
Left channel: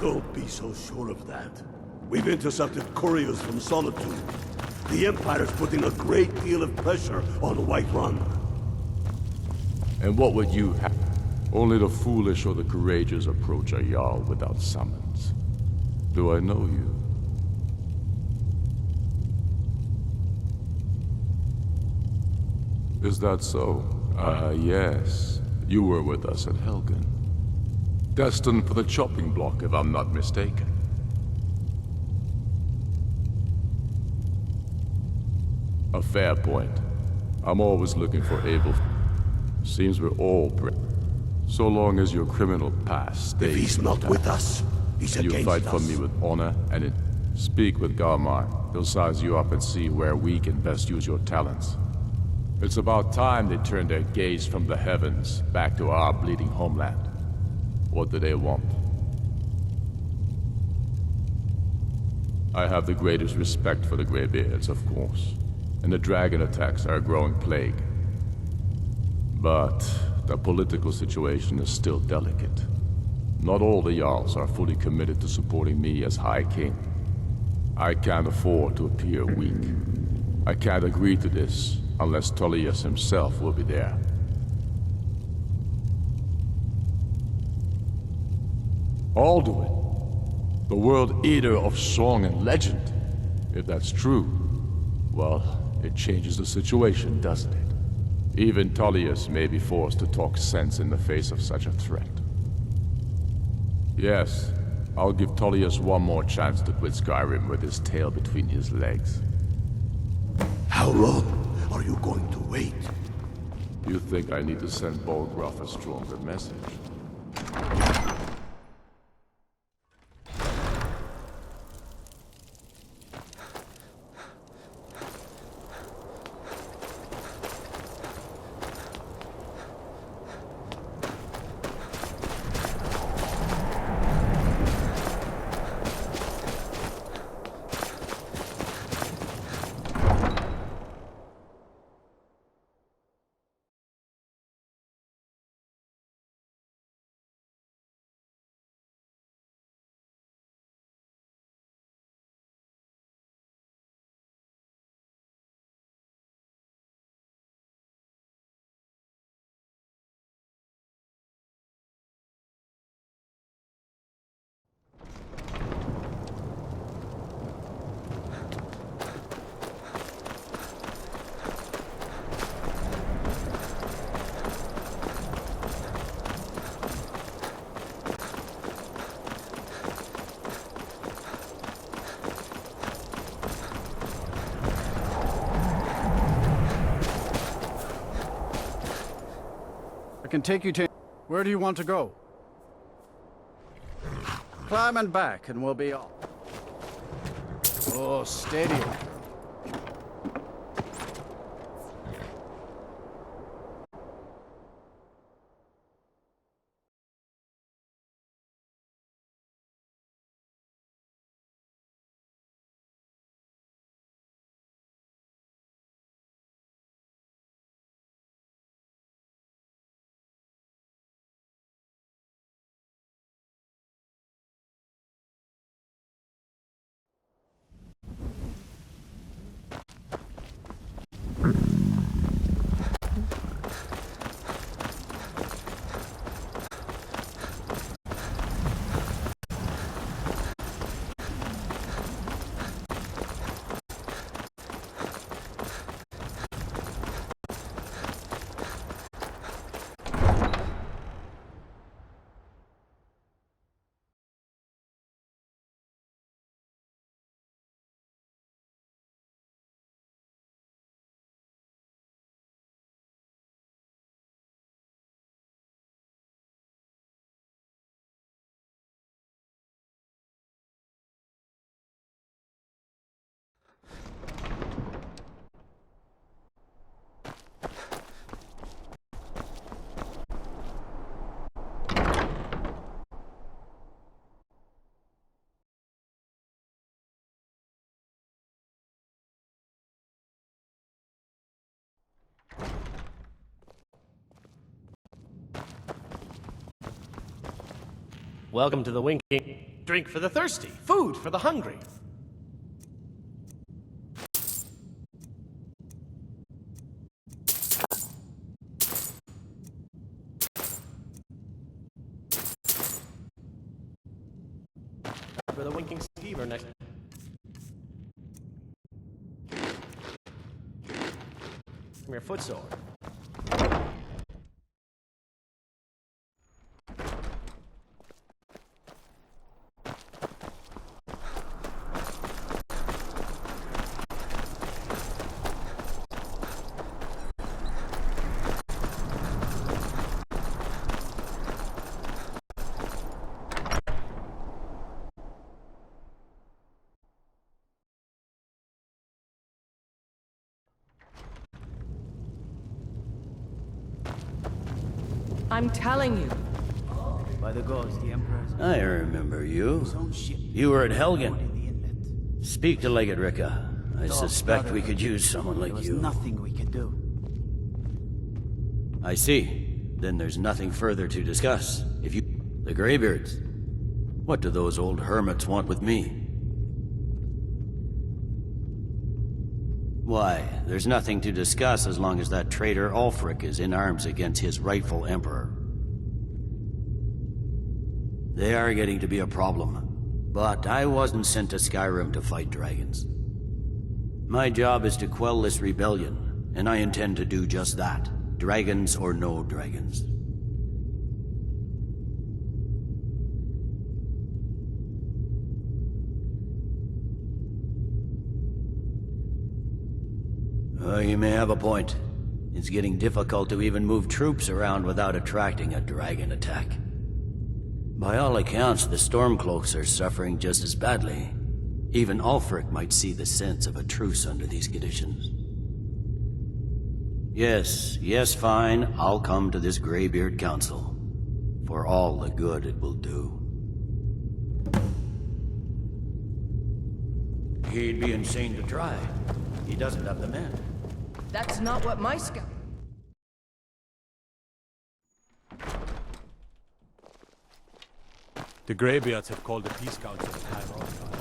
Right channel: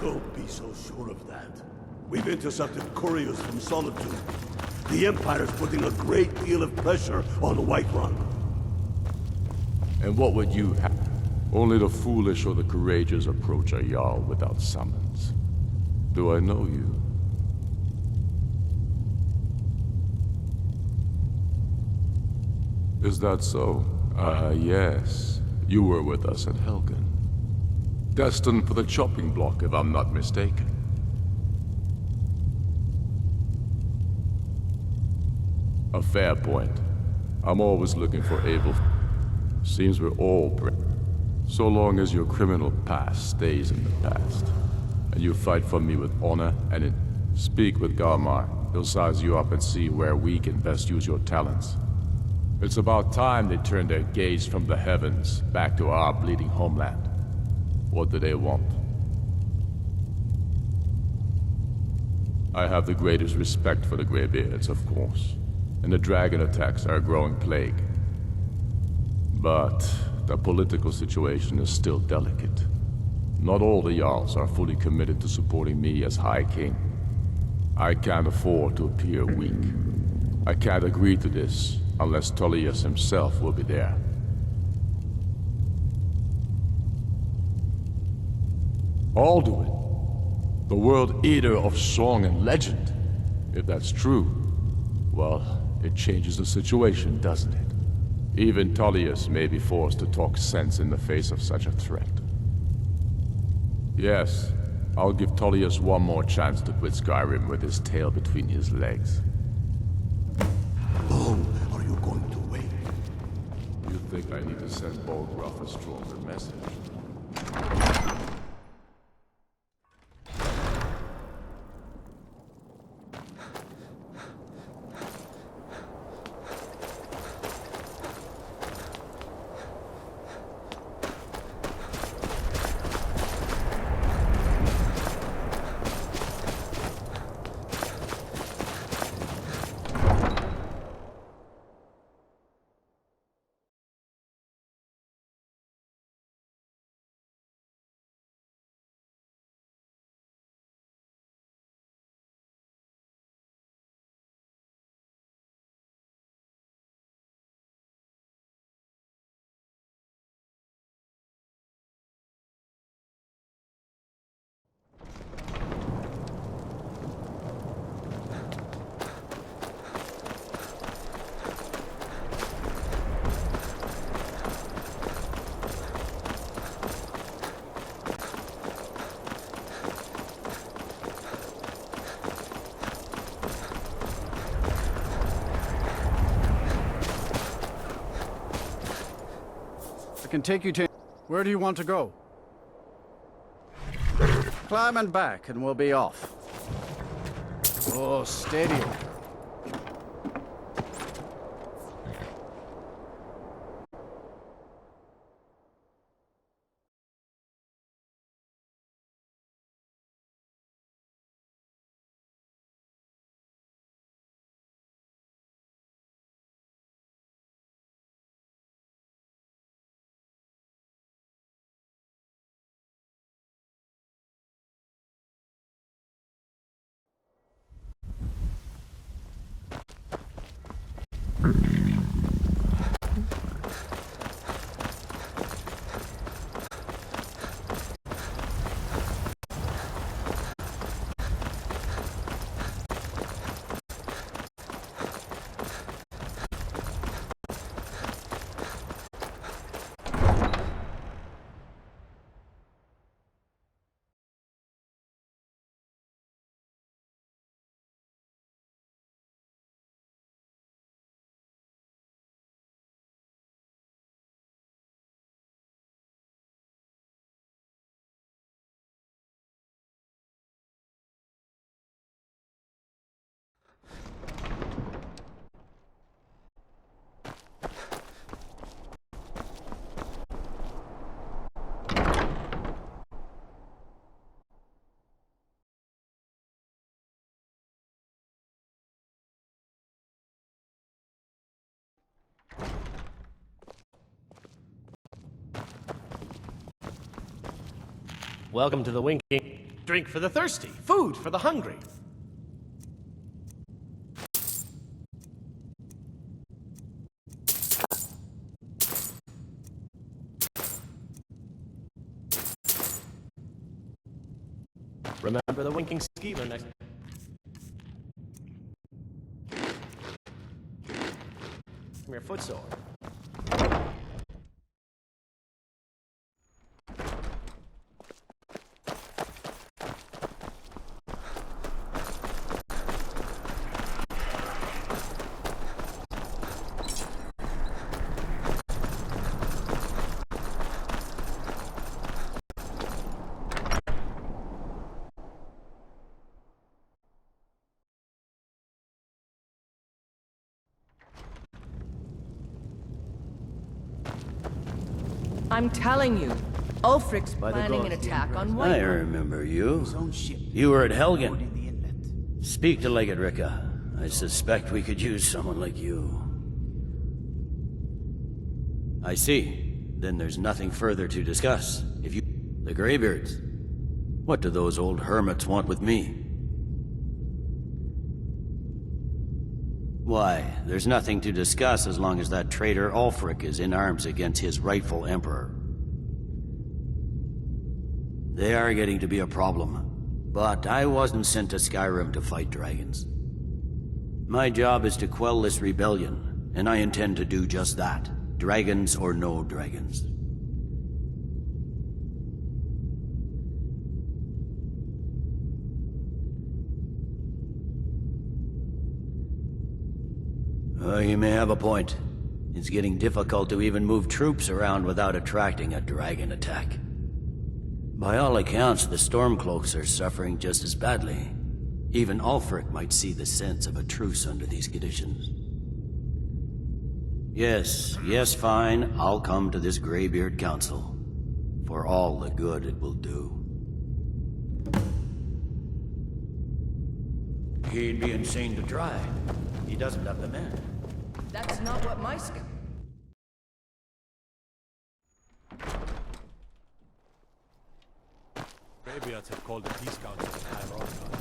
Don't be so sure of that. We've intercepted couriers from Solitude. The Empire's putting a great deal of pressure on Whiterun. And what would you have? Only the foolish or the courageous approach a Jarl without summons. Do I know you? Is that so? Yes. You were with us at Helgen. Destined for the chopping block, if I'm not mistaken. A fair point. I'm always looking for able... Seems we're all... So long as your criminal past stays He's in not the with past, us. He's and you against fight for us. me with honor and in... Speak with Garmar. He'll size you up and see where we can best use your talents. It's about time they turned their gaze from the heavens back to our bleeding homeland. What do they want? I have the greatest respect for the Greybeards, of course, and the dragon attacks are a growing plague. But the political situation is still delicate. Not all the Jarls are fully committed to supporting me as High King. I can't afford to appear weak. I can't agree to this unless Tullius himself will be there. Alduin, the world eater of song and legend. If that's true, well, it changes the situation, doesn't it? Even Tullius may be forced to talk sense in the face of such a threat. Yes, I'll give Tullius one more chance to quit Skyrim with his tail between his legs. How long are you going to wait? You think I need to send Bolgraf a stronger message? can take you to... Where do you want to go? Climb and back, and we'll be off. Oh, steady. Welcome to the winking. Drink for the thirsty, food for the hungry. Remember the winking skeever next. From your footsore. I'm telling you, Ulfric's By the planning gods, an the attack Emperor on has one. I remember you. his own ship. You were at Moored Helgen. in the inlet. Speak to Legate Ricka. I suspect we could use someone like There was you. nothing we could do. I see. Then there's nothing further to discuss. If you... The Greybeards. What do those old hermits want with me? Why, there's nothing to discuss as long as that traitor Ulfric is in arms against his rightful emperor. They are getting to be a problem. But I wasn't sent to Skyrim to fight dragons. My job is to quell this rebellion, and I intend to do just that. Dragons or no dragons. You may have a point. It's getting difficult to even move troops around without attracting a dragon attack. By all accounts, the Stormcloaks are suffering just as badly. Even Ulfric might see the sense of a truce under these conditions. Yes, fine. I'll come to this Greybeard Council. For all the good it will do. He'd be insane to try. He doesn't have the men. That's not what my scout... The Greybeards have called a peace council in High Rock.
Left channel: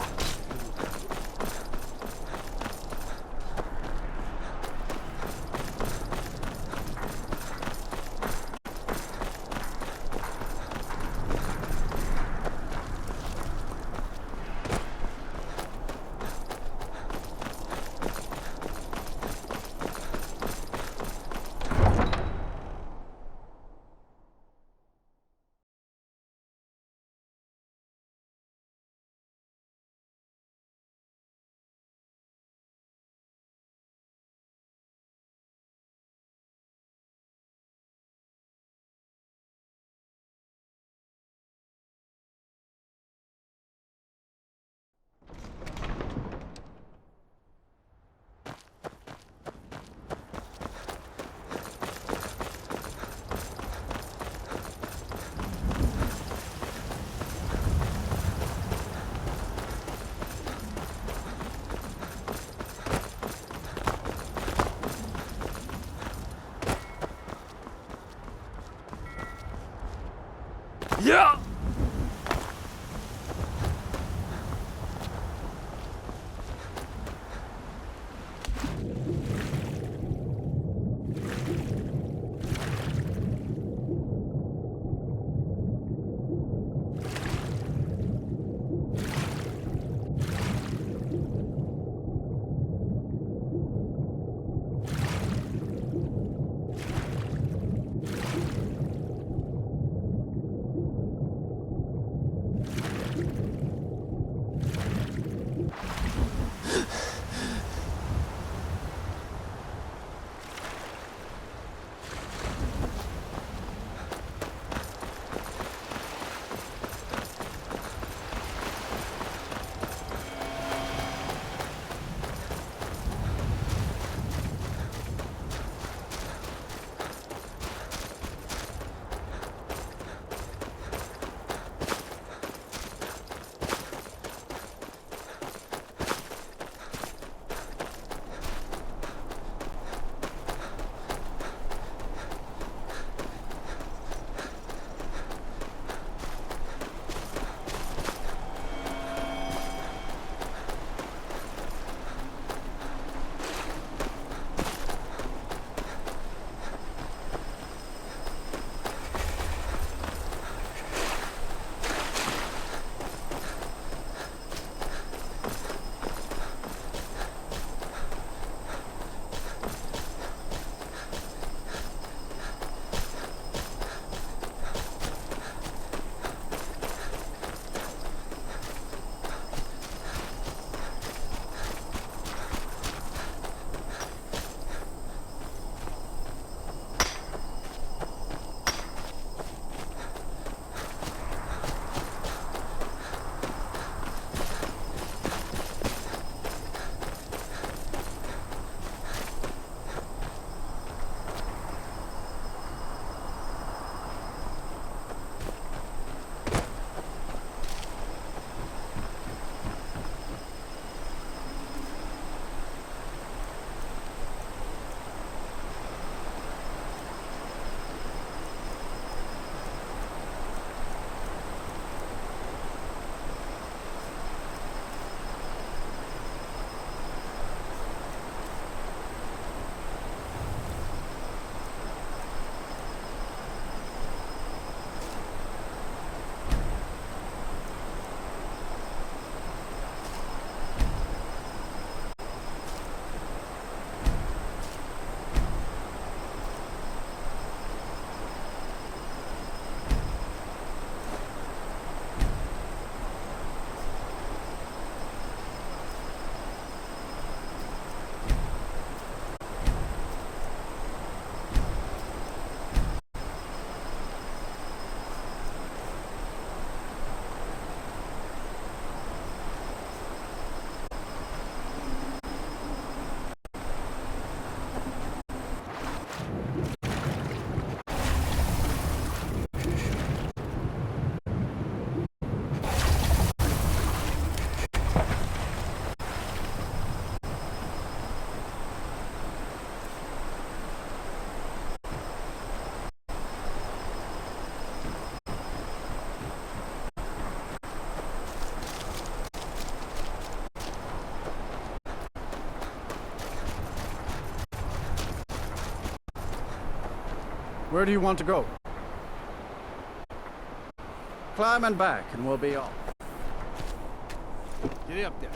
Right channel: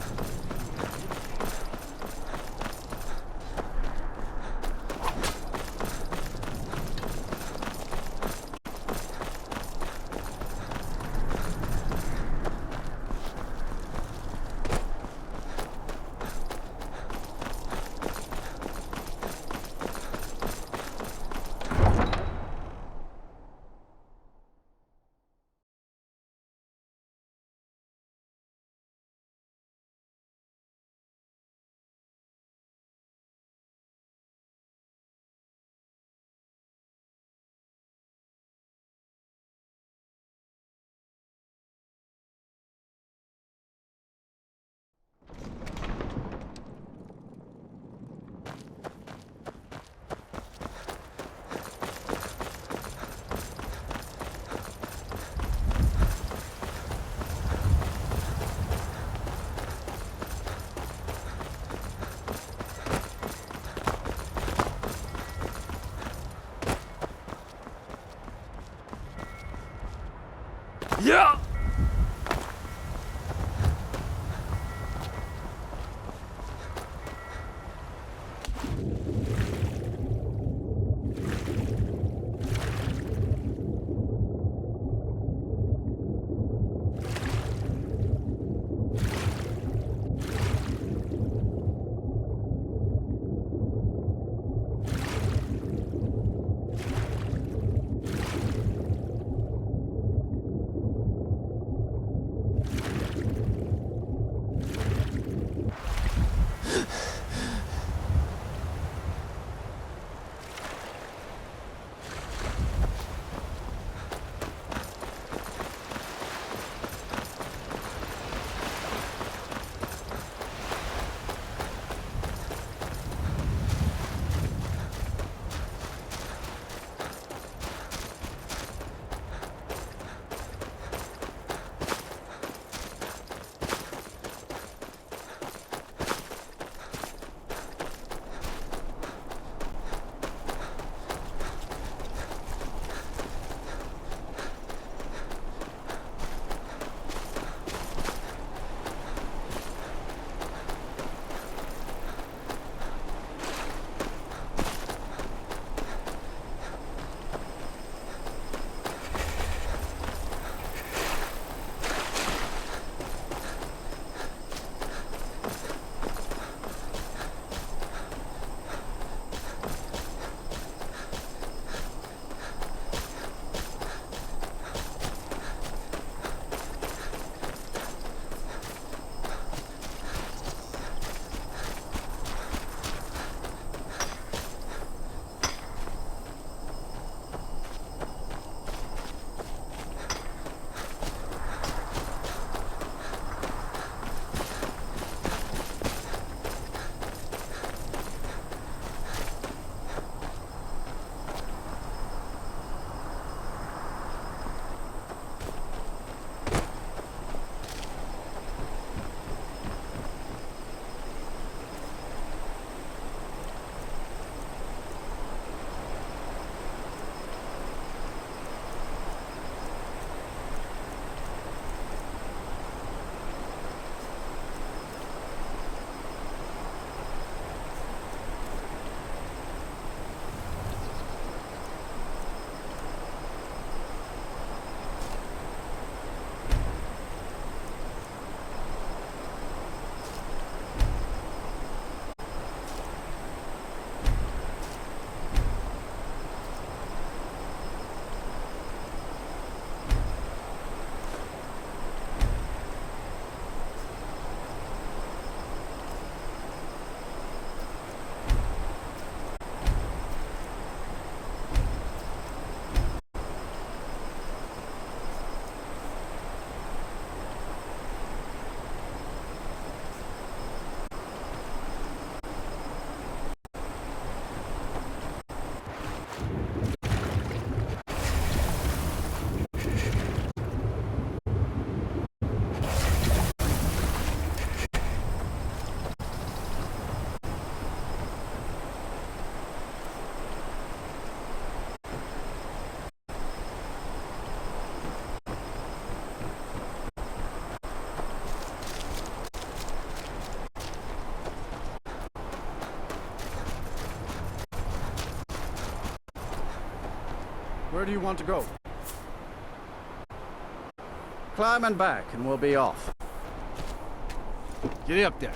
Yeah! Where do you want to go? Climb and back, and we'll be off. Get up there.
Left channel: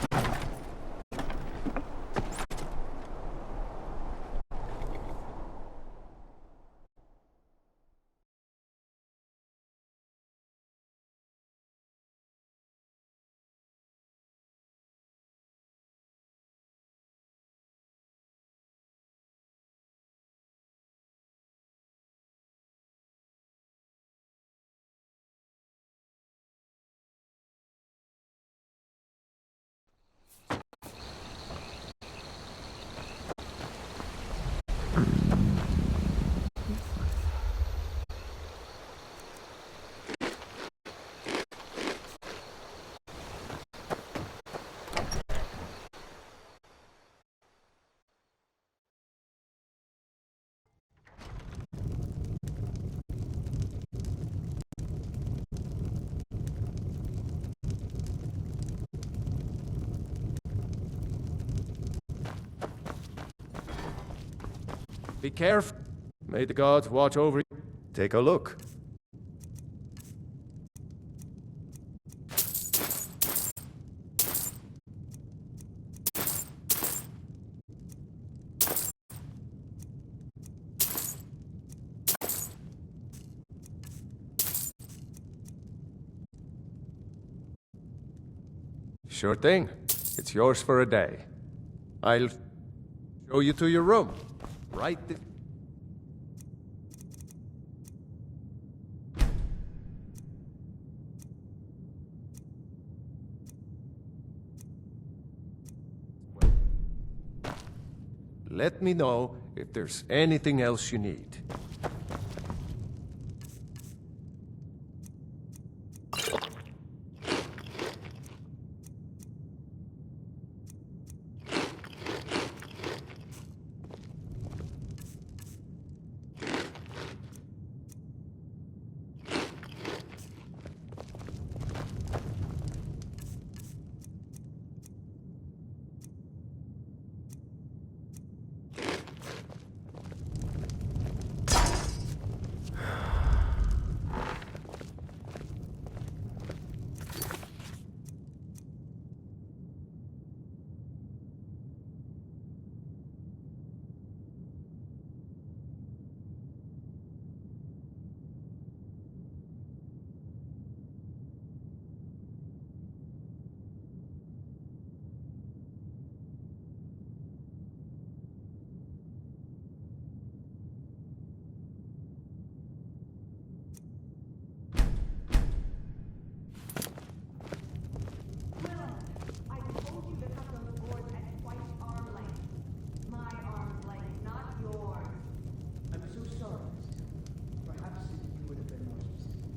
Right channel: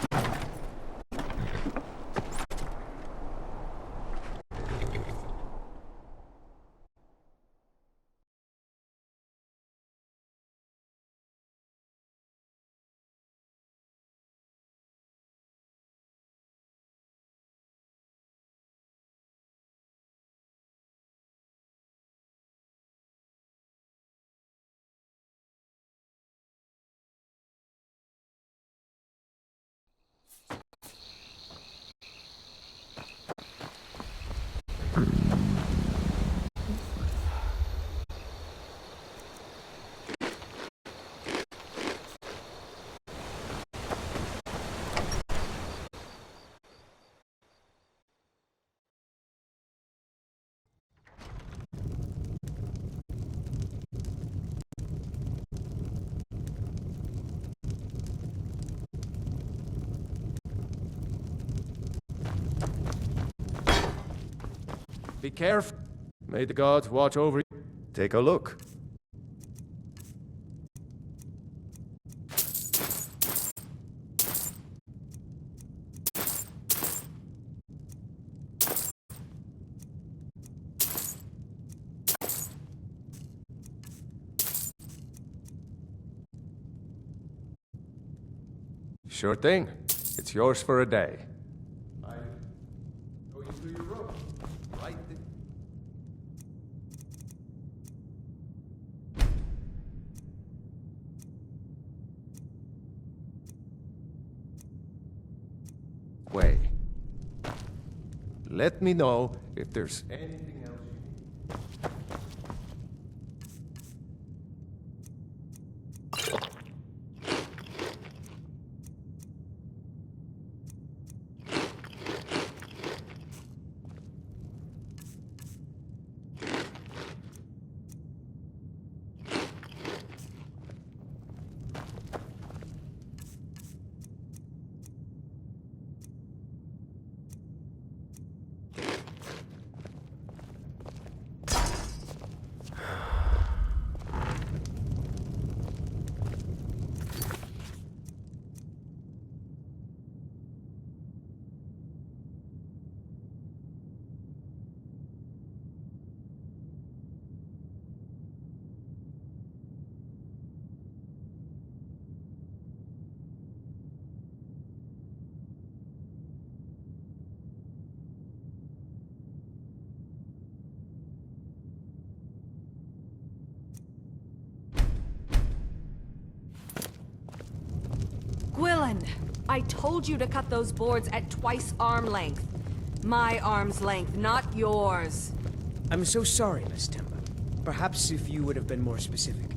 Be careful. May the gods watch over you. Take a look. Sure thing. It's yours for a day. I'll show you to your room. Right this way. Let me know if there's anything else you need. I told you to cut those boards at twice arm length. My arm's length, not yours. I'm so sorry, Miss Temple. Perhaps if you would have been more specific.